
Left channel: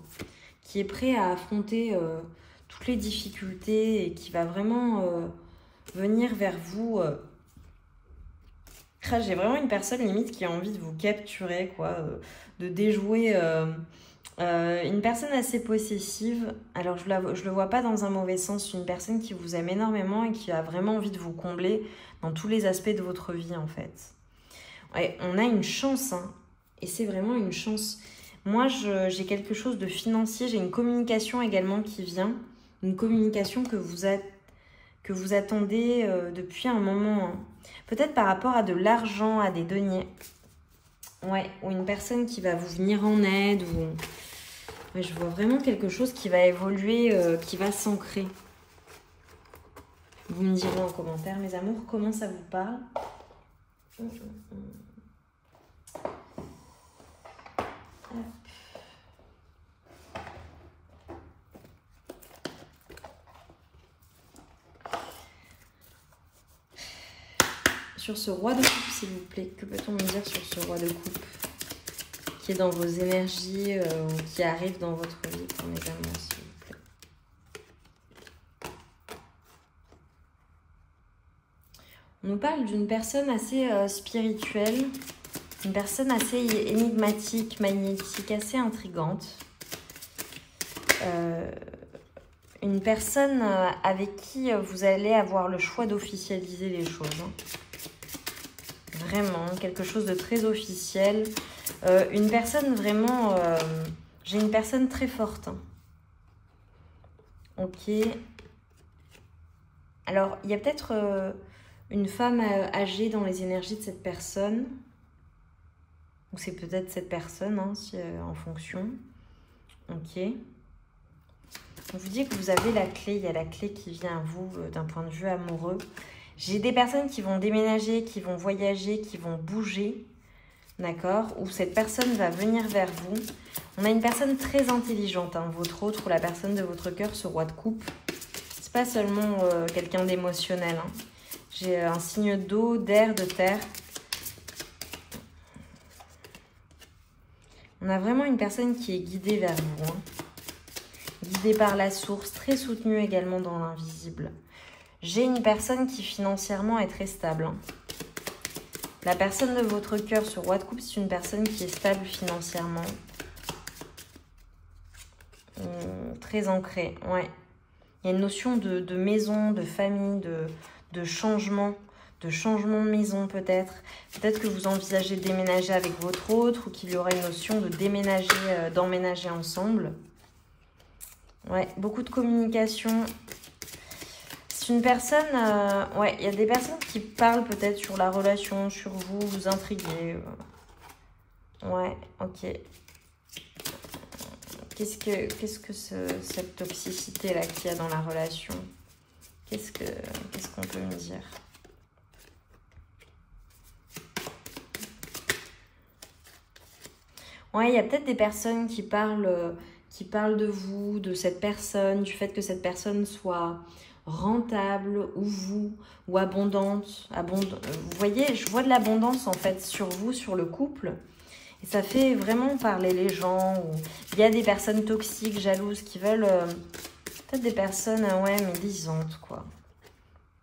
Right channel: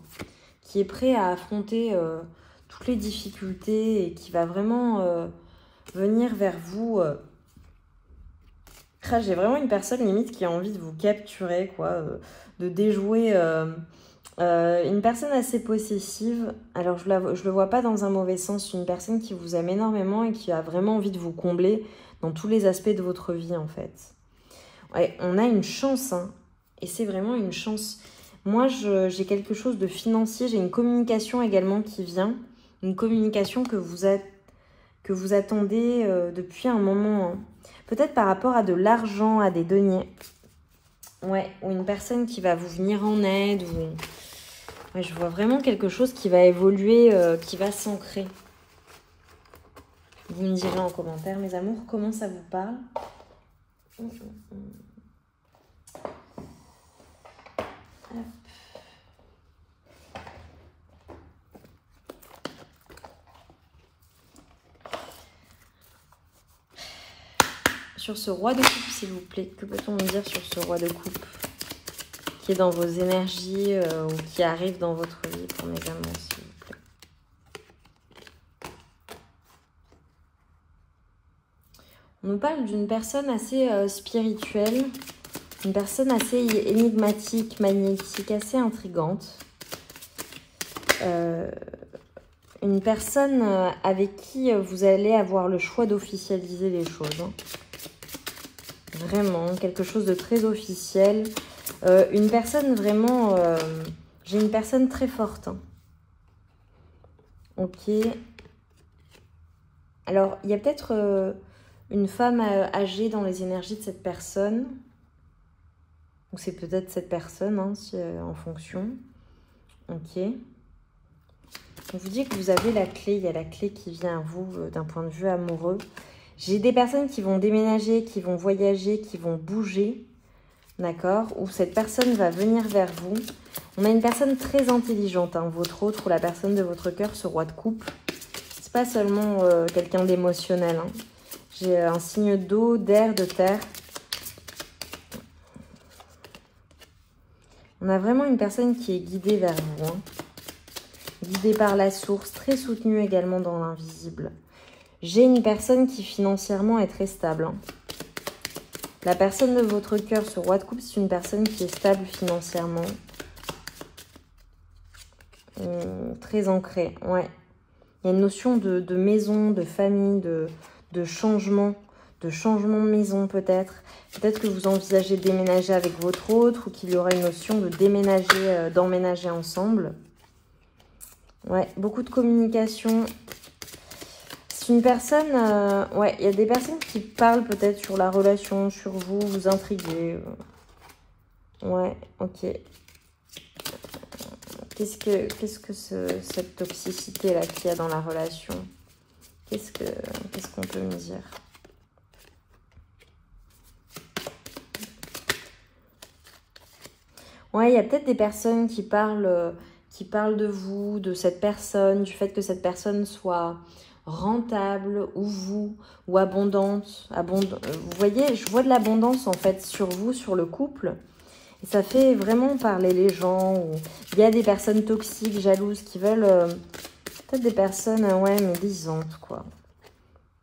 qui est prêt à affronter toutes les difficultés et qui va vraiment venir vers vous. J'ai vraiment une personne limite qui a envie de vous capturer, quoi. De déjouer Une personne assez possessive. Alors, je le vois pas dans un mauvais sens. Une personne qui vous aime énormément et qui a vraiment envie de vous combler dans tous les aspects de votre vie, en fait. Ouais, on a une chance, hein. Et c'est vraiment une chance. Moi, j'ai quelque chose de financier. J'ai une communication également qui vient. Une communication que vous attendez depuis un moment, hein. Peut-être par rapport à de l'argent, à des deniers. Ouais, ou une personne qui va vous venir en aide. Ou... Ouais, je vois vraiment quelque chose qui va évoluer, qui va s'ancrer. Vous me direz en commentaire, mes amours, comment ça vous parle. Sur ce roi de coupe, s'il vous plaît, que peut-on me dire sur ce roi de coupe qui est dans vos énergies ou qui arrive dans votre vie pour mes amours, s'il vous plaît. On nous parle d'une personne assez spirituelle, une personne assez énigmatique, magnétique, assez intrigante. Une personne avec qui vous allez avoir le choix d'officialiser les choses, hein. Vraiment, quelque chose de très officiel. Une personne vraiment... j'ai une personne très forte, hein. Ok. Alors, il y a peut-être une femme âgée dans les énergies de cette personne. Ou c'est peut-être cette personne, hein, en fonction. Ok. On vous dit que vous avez la clé. Il y a la clé qui vient à vous d'un point de vue amoureux. J'ai des personnes qui vont déménager, qui vont voyager, qui vont bouger, d'accord? Ou cette personne va venir vers vous. On a une personne très intelligente, hein, votre autre ou la personne de votre cœur, ce roi de coupe. C'est pas seulement quelqu'un d'émotionnel, hein. J'ai un signe d'eau, d'air, de terre. On a vraiment une personne qui est guidée vers vous, hein. Guidée par la source, très soutenue également dans l'invisible. J'ai une personne qui financièrement est très stable, hein. La personne de votre cœur, ce roi de coupe, c'est une personne qui est stable financièrement. Très ancrée, ouais. Il y a une notion de maison, de famille, de changement de maison peut-être. Peut-être que vous envisagez de déménager avec votre autre ou qu'il y aura une notion de déménager, d'emménager ensemble. Ouais, beaucoup de communication. C'est une personne... ouais, il y a des personnes qui parlent peut-être sur la relation, sur vous, vous intriguez. Ouais, ok. Qu'est-ce que cette toxicité-là qu'il y a dans la relation? Qu'est-ce qu'on peut me dire? Ouais, il y a peut-être des personnes qui parlent de vous, de cette personne, du fait que cette personne soit rentable, ou abondante. Vous voyez, je vois de l'abondance en fait sur vous, sur le couple. Et ça fait vraiment parler les gens. Il y a des personnes toxiques, jalouses, qui veulent... peut-être des personnes, ouais, médisantes, quoi.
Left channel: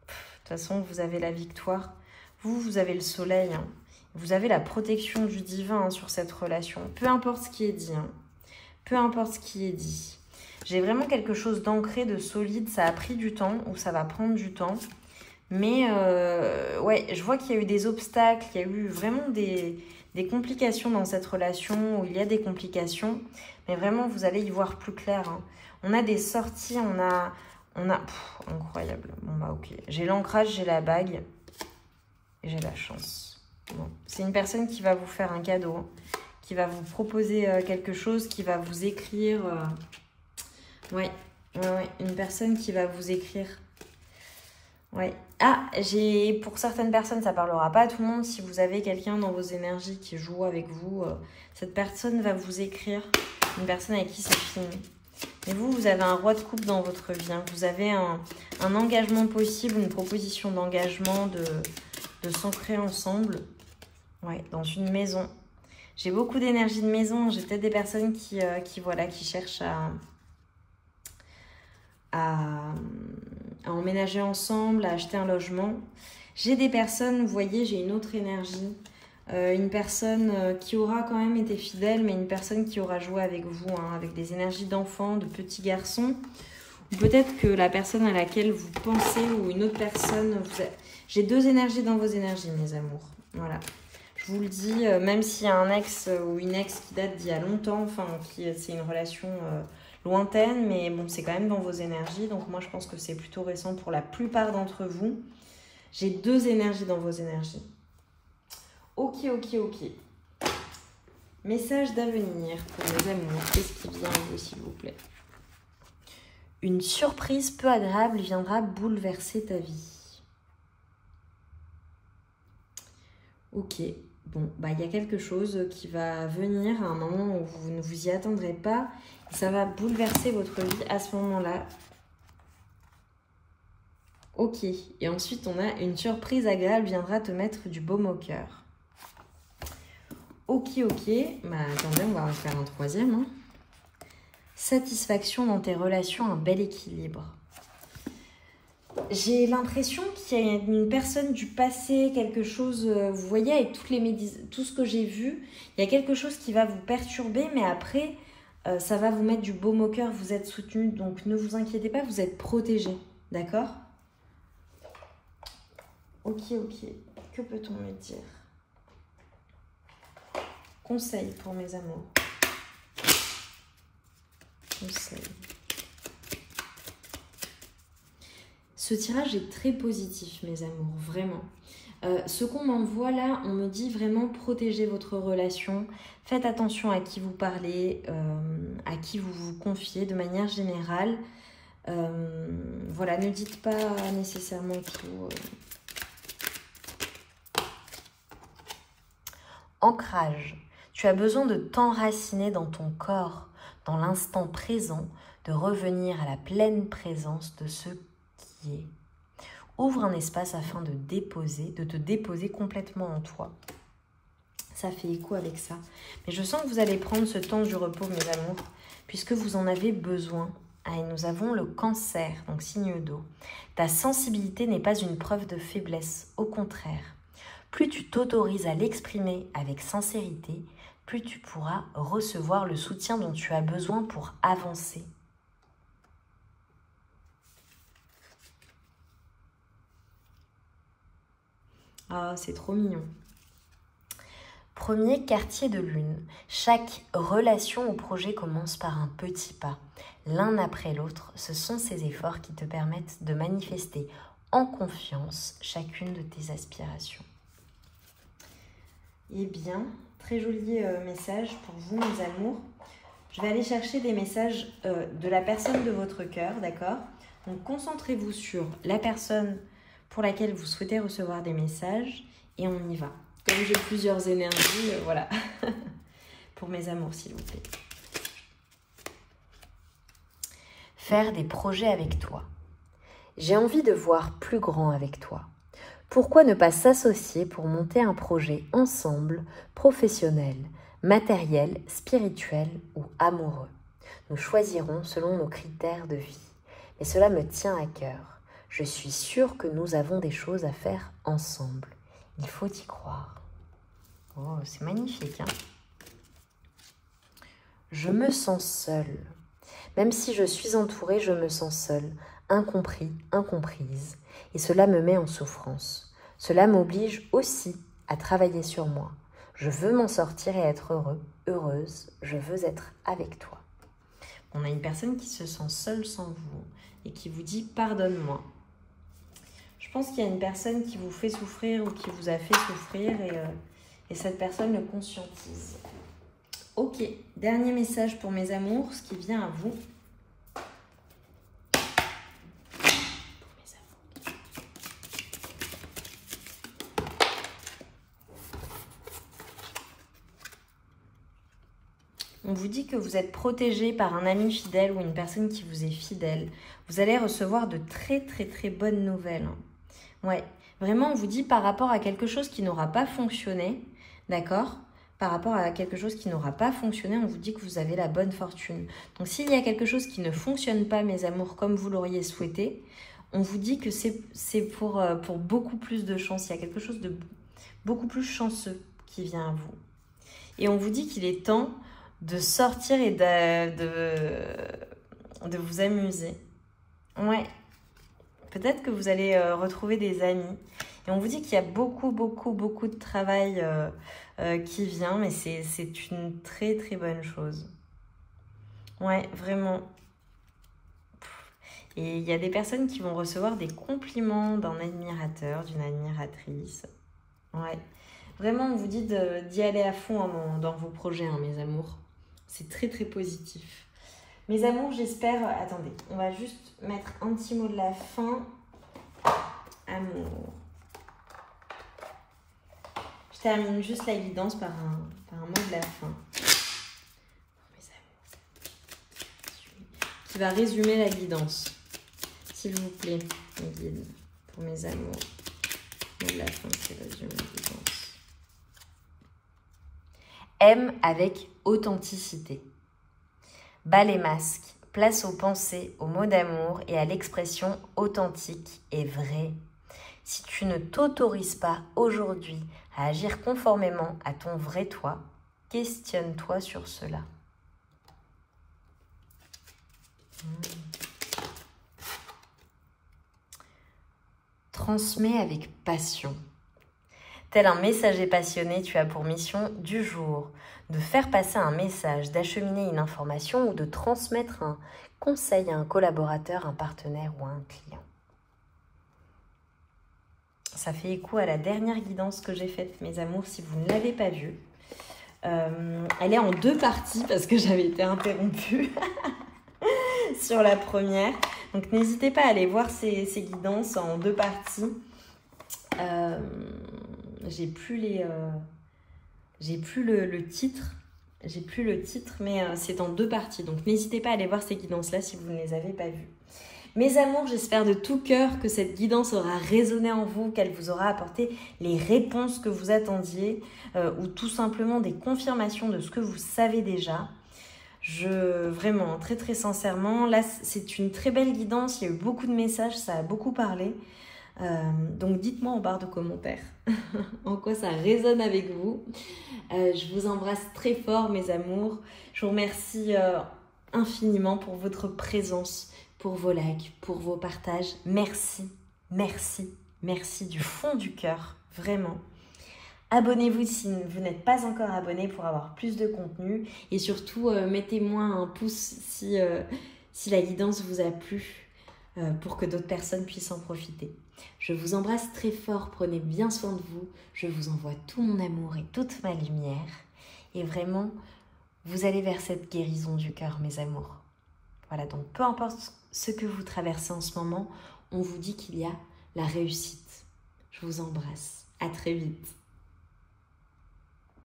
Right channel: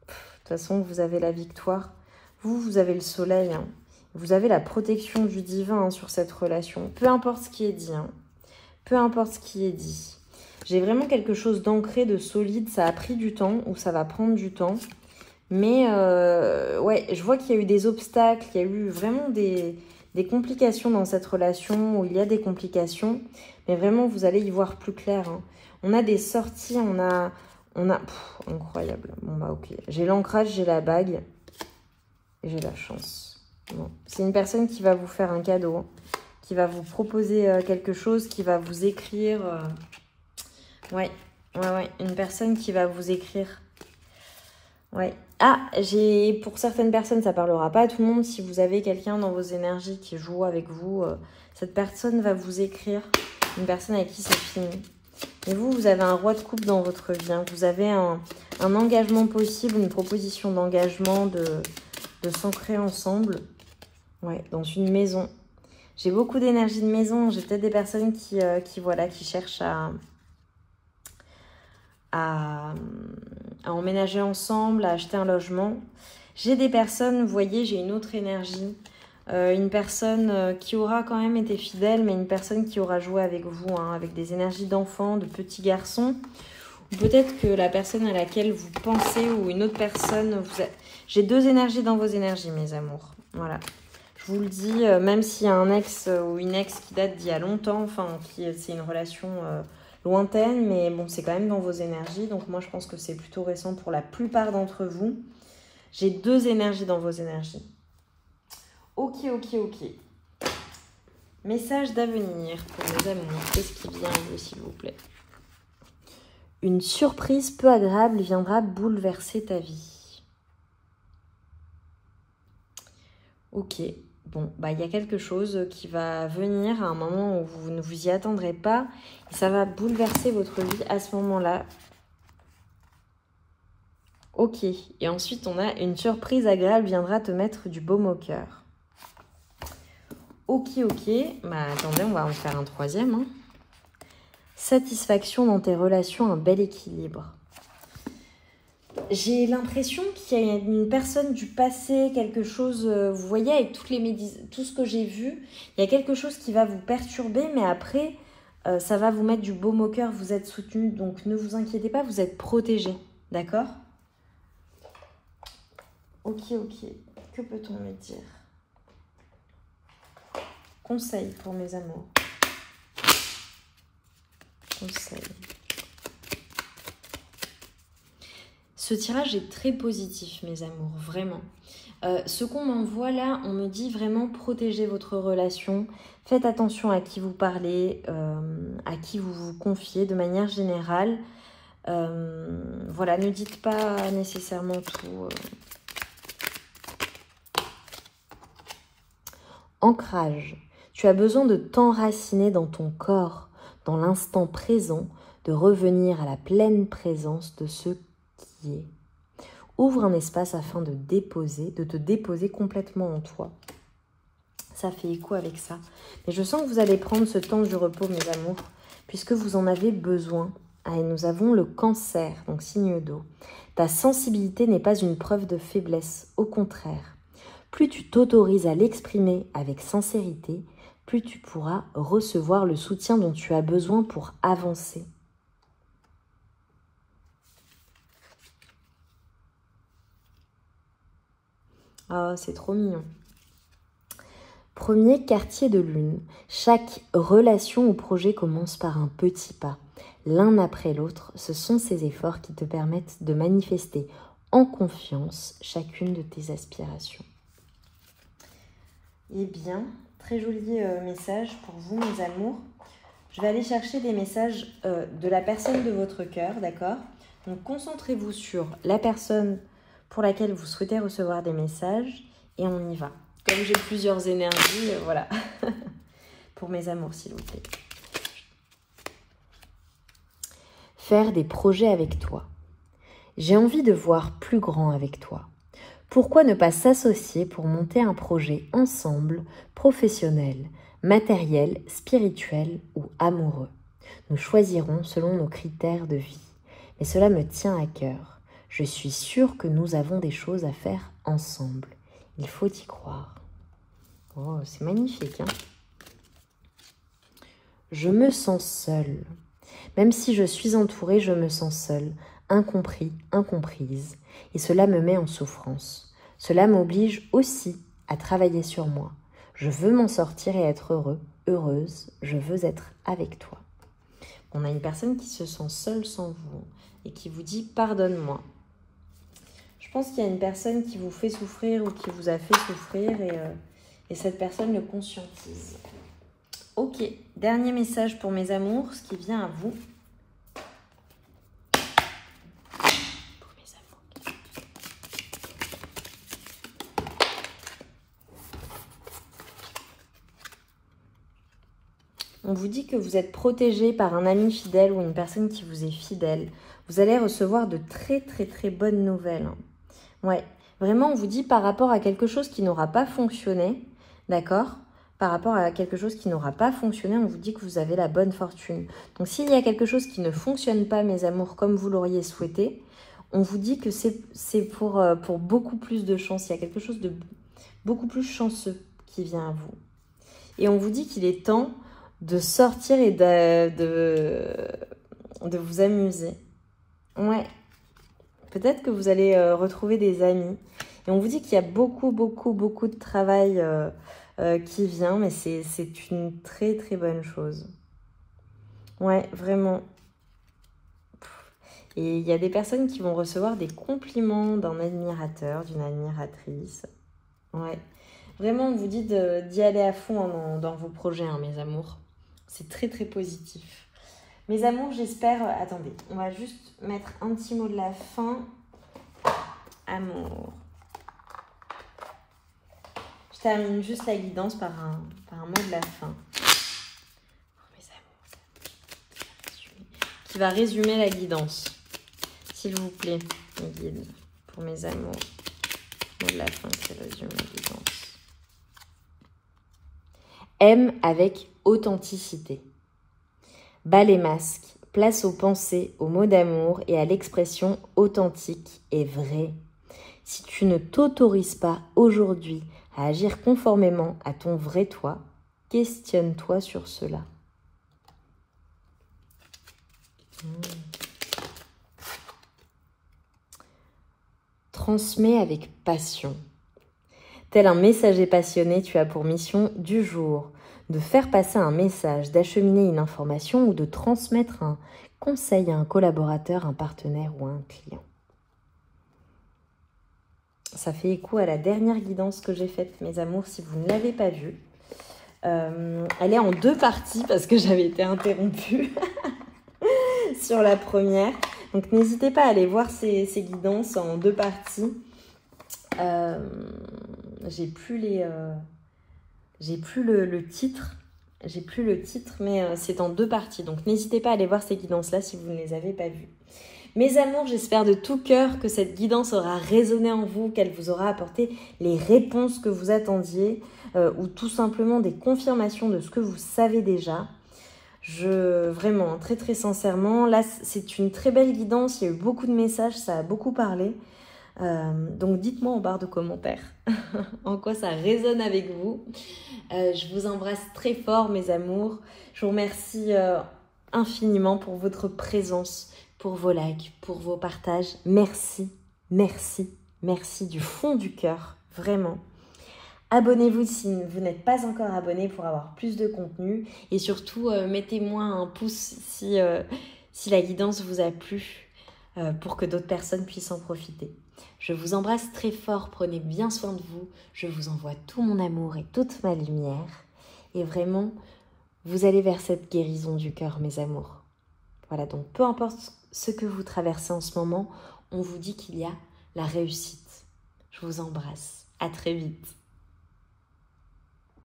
De toute façon, vous avez la victoire. Vous avez le soleil, hein. Vous avez la protection du divin, hein, sur cette relation. Peu importe ce qui est dit, hein. Peu importe ce qui est dit. J'ai vraiment quelque chose d'ancré, de solide. Ça a pris du temps, ou ça va prendre du temps. Mais, ouais, je vois qu'il y a eu des obstacles. Il y a eu vraiment des complications dans cette relation, où il y a des complications. Mais vraiment, vous allez y voir plus clair, hein. On a des sorties, on a incroyable. Bon, bah, ok. J'ai l'ancrage, j'ai la bague. Et j'ai la chance. Bon. C'est une personne qui va vous faire un cadeau, hein, qui va vous proposer quelque chose, qui va vous écrire. Ouais. Une personne qui va vous écrire. Ouais. Ah, pour certaines personnes, ça parlera pas à tout le monde. Si vous avez quelqu'un dans vos énergies qui joue avec vous, cette personne va vous écrire. Une personne avec qui c'est fini. Et vous avez un roi de coupe dans votre vie, hein. Vous avez un engagement possible, une proposition d'engagement, de s'ancrer ensemble. Ouais, dans une maison. J'ai beaucoup d'énergie de maison. J'ai peut-être des personnes qui cherchent à emménager ensemble, à acheter un logement. J'ai des personnes, vous voyez, j'ai une autre énergie. Une personne qui aura quand même été fidèle, mais une personne qui aura joué avec vous, hein, avec des énergies d'enfant, de petits garçons. Ou peut-être que la personne à laquelle vous pensez ou une autre personne... J'ai deux énergies dans vos énergies, mes amours. Voilà. Je vous le dis, même s'il y a un ex ou une ex qui date d'il y a longtemps, enfin, c'est une relation lointaine, mais bon, c'est quand même dans vos énergies. Donc moi, je pense que c'est plutôt récent pour la plupart d'entre vous. J'ai deux énergies dans vos énergies. Ok, ok, ok. Message d'avenir pour mes amours. Qu'est-ce qui vient à vous, s'il vous plaît? Une surprise peu agréable viendra bouleverser ta vie. Ok. Bon, bah, il y a quelque chose qui va venir à un moment où vous ne vous y attendrez pas. Et ça va bouleverser votre vie à ce moment-là. Ok. Et ensuite, on a une surprise agréable viendra te mettre du baume au cœur. Ok, ok. Bah, attendez, on va en faire un troisième. Hein. Satisfaction dans tes relations, un bel équilibre. J'ai l'impression qu'il y a une personne du passé, quelque chose... vous voyez, avec tout ce que j'ai vu, il y a quelque chose qui va vous perturber, mais après, ça va vous mettre du baume au cœur. Vous êtes soutenu, donc ne vous inquiétez pas, vous êtes protégé. D'accord? Ok, ok. Que peut-on me dire? Conseil pour mes amours. Conseil. Ce tirage est très positif, mes amours, vraiment. Ce qu'on m'envoie là, on me dit vraiment protégez votre relation. Faites attention à qui vous parlez, à qui vous vous confiez de manière générale. Voilà, ne dites pas nécessairement tout. Ancrage. Tu as besoin de t'enraciner dans ton corps, dans l'instant présent, de revenir à la pleine présence de ce qui est. Ouvre un espace afin de te déposer complètement en toi. Ça fait écho avec ça. Mais je sens que vous allez prendre ce temps du repos, mes amours, puisque vous en avez besoin. Et nous avons le cancer, donc signe d'eau. Ta sensibilité n'est pas une preuve de faiblesse, au contraire. Plus tu t'autorises à l'exprimer avec sincérité, plus tu pourras recevoir le soutien dont tu as besoin pour avancer. Oh, c'est trop mignon. Premier quartier de lune. Chaque relation ou projet commence par un petit pas. L'un après l'autre, ce sont ces efforts qui te permettent de manifester en confiance chacune de tes aspirations. Eh bien, très joli message pour vous, mes amours. Je vais aller chercher des messages de la personne de votre cœur, d'accord? Donc, concentrez-vous sur la personne pour laquelle vous souhaitez recevoir des messages et on y va. Comme j'ai plusieurs énergies, voilà. Pour mes amours, s'il vous plaît. Faire des projets avec toi. J'ai envie de voir plus grand avec toi. Pourquoi ne pas s'associer pour monter un projet ensemble, professionnel, matériel, spirituel ou amoureux? Nous choisirons selon nos critères de vie. Et cela me tient à cœur. Je suis sûre que nous avons des choses à faire ensemble. Il faut y croire. Oh, c'est magnifique, hein? Je me sens seule. Même si je suis entourée, je me sens seule, incompris, incomprise. Et cela me met en souffrance. Cela m'oblige aussi à travailler sur moi. Je veux m'en sortir et être heureuse. Je veux être avec toi. On a une personne qui se sent seule sans vous et qui vous dit « pardonne-moi ». Je pense qu'il y a une personne qui vous fait souffrir ou qui vous a fait souffrir et cette personne le conscientise. Ok, dernier message pour mes amours, ce qui vient à vous. On vous dit que vous êtes protégé par un ami fidèle ou une personne qui vous est fidèle. Vous allez recevoir de très bonnes nouvelles. Ouais, vraiment on vous dit par rapport à quelque chose qui n'aura pas fonctionné, d'accord? Par rapport à quelque chose qui n'aura pas fonctionné, on vous dit que vous avez la bonne fortune. Donc s'il y a quelque chose qui ne fonctionne pas, mes amours, comme vous l'auriez souhaité, on vous dit que c'est pour beaucoup plus de chance. Il y a quelque chose de beaucoup plus chanceux qui vient à vous. Et on vous dit qu'il est temps de sortir et de vous amuser. Ouais. Peut-être que vous allez retrouver des amis. Et on vous dit qu'il y a beaucoup de travail qui vient, mais c'est une très bonne chose. Ouais, vraiment. Et il y a des personnes qui vont recevoir des compliments d'un admirateur, d'une admiratrice. Ouais. Vraiment, on vous dit d'y aller à fond dans vos projets, hein, mes amours. C'est très positif. Mes amours, j'espère... Attendez, on va juste mettre un petit mot de la fin. Amour. Je termine juste la guidance par un mot de la fin. Mes amours, qui va résumer la guidance. S'il vous plaît, mes guides, pour mes amours. Mot de la fin qui résume la guidance. Aime avec authenticité. Bas les masques, place aux pensées, aux mots d'amour et à l'expression authentique et vraie. Si tu ne t'autorises pas aujourd'hui à agir conformément à ton vrai toi, questionne-toi sur cela. Transmets avec passion. Tel un messager passionné, tu as pour mission du jour de faire passer un message, d'acheminer une information ou de transmettre un conseil à un collaborateur, un partenaire ou un client. Ça fait écho à la dernière guidance que j'ai faite, mes amours, si vous ne l'avez pas vue. Elle est en 2 parties parce que j'avais été interrompue sur la première. Donc n'hésitez pas à aller voir ces guidances en 2 parties. J'ai plus le titre. J'ai plus le titre, mais c'est en 2 parties. Donc n'hésitez pas à aller voir ces guidances-là si vous ne les avez pas vues. Mes amours, j'espère de tout cœur que cette guidance aura résonné en vous, qu'elle vous aura apporté les réponses que vous attendiez ou tout simplement des confirmations de ce que vous savez déjà. Vraiment, très sincèrement, là, c'est une très belle guidance. Il y a eu beaucoup de messages, ça a beaucoup parlé. Donc, dites-moi en barre de commentaires en quoi ça résonne avec vous. Je vous embrasse très fort, mes amours. Je vous remercie infiniment pour votre présence, pour vos likes, pour vos partages. Merci du fond du cœur, vraiment. Abonnez-vous si vous n'êtes pas encore abonné pour avoir plus de contenu. Et surtout, mettez-moi un pouce si la guidance vous a plu pour que d'autres personnes puissent en profiter. Je vous embrasse très fort, prenez bien soin de vous. Je vous envoie tout mon amour et toute ma lumière. Et vraiment, vous allez vers cette guérison du cœur, mes amours. Voilà, donc peu importe ce que vous traversez en ce moment, on vous dit qu'il y a la réussite. Je vous embrasse. À très vite.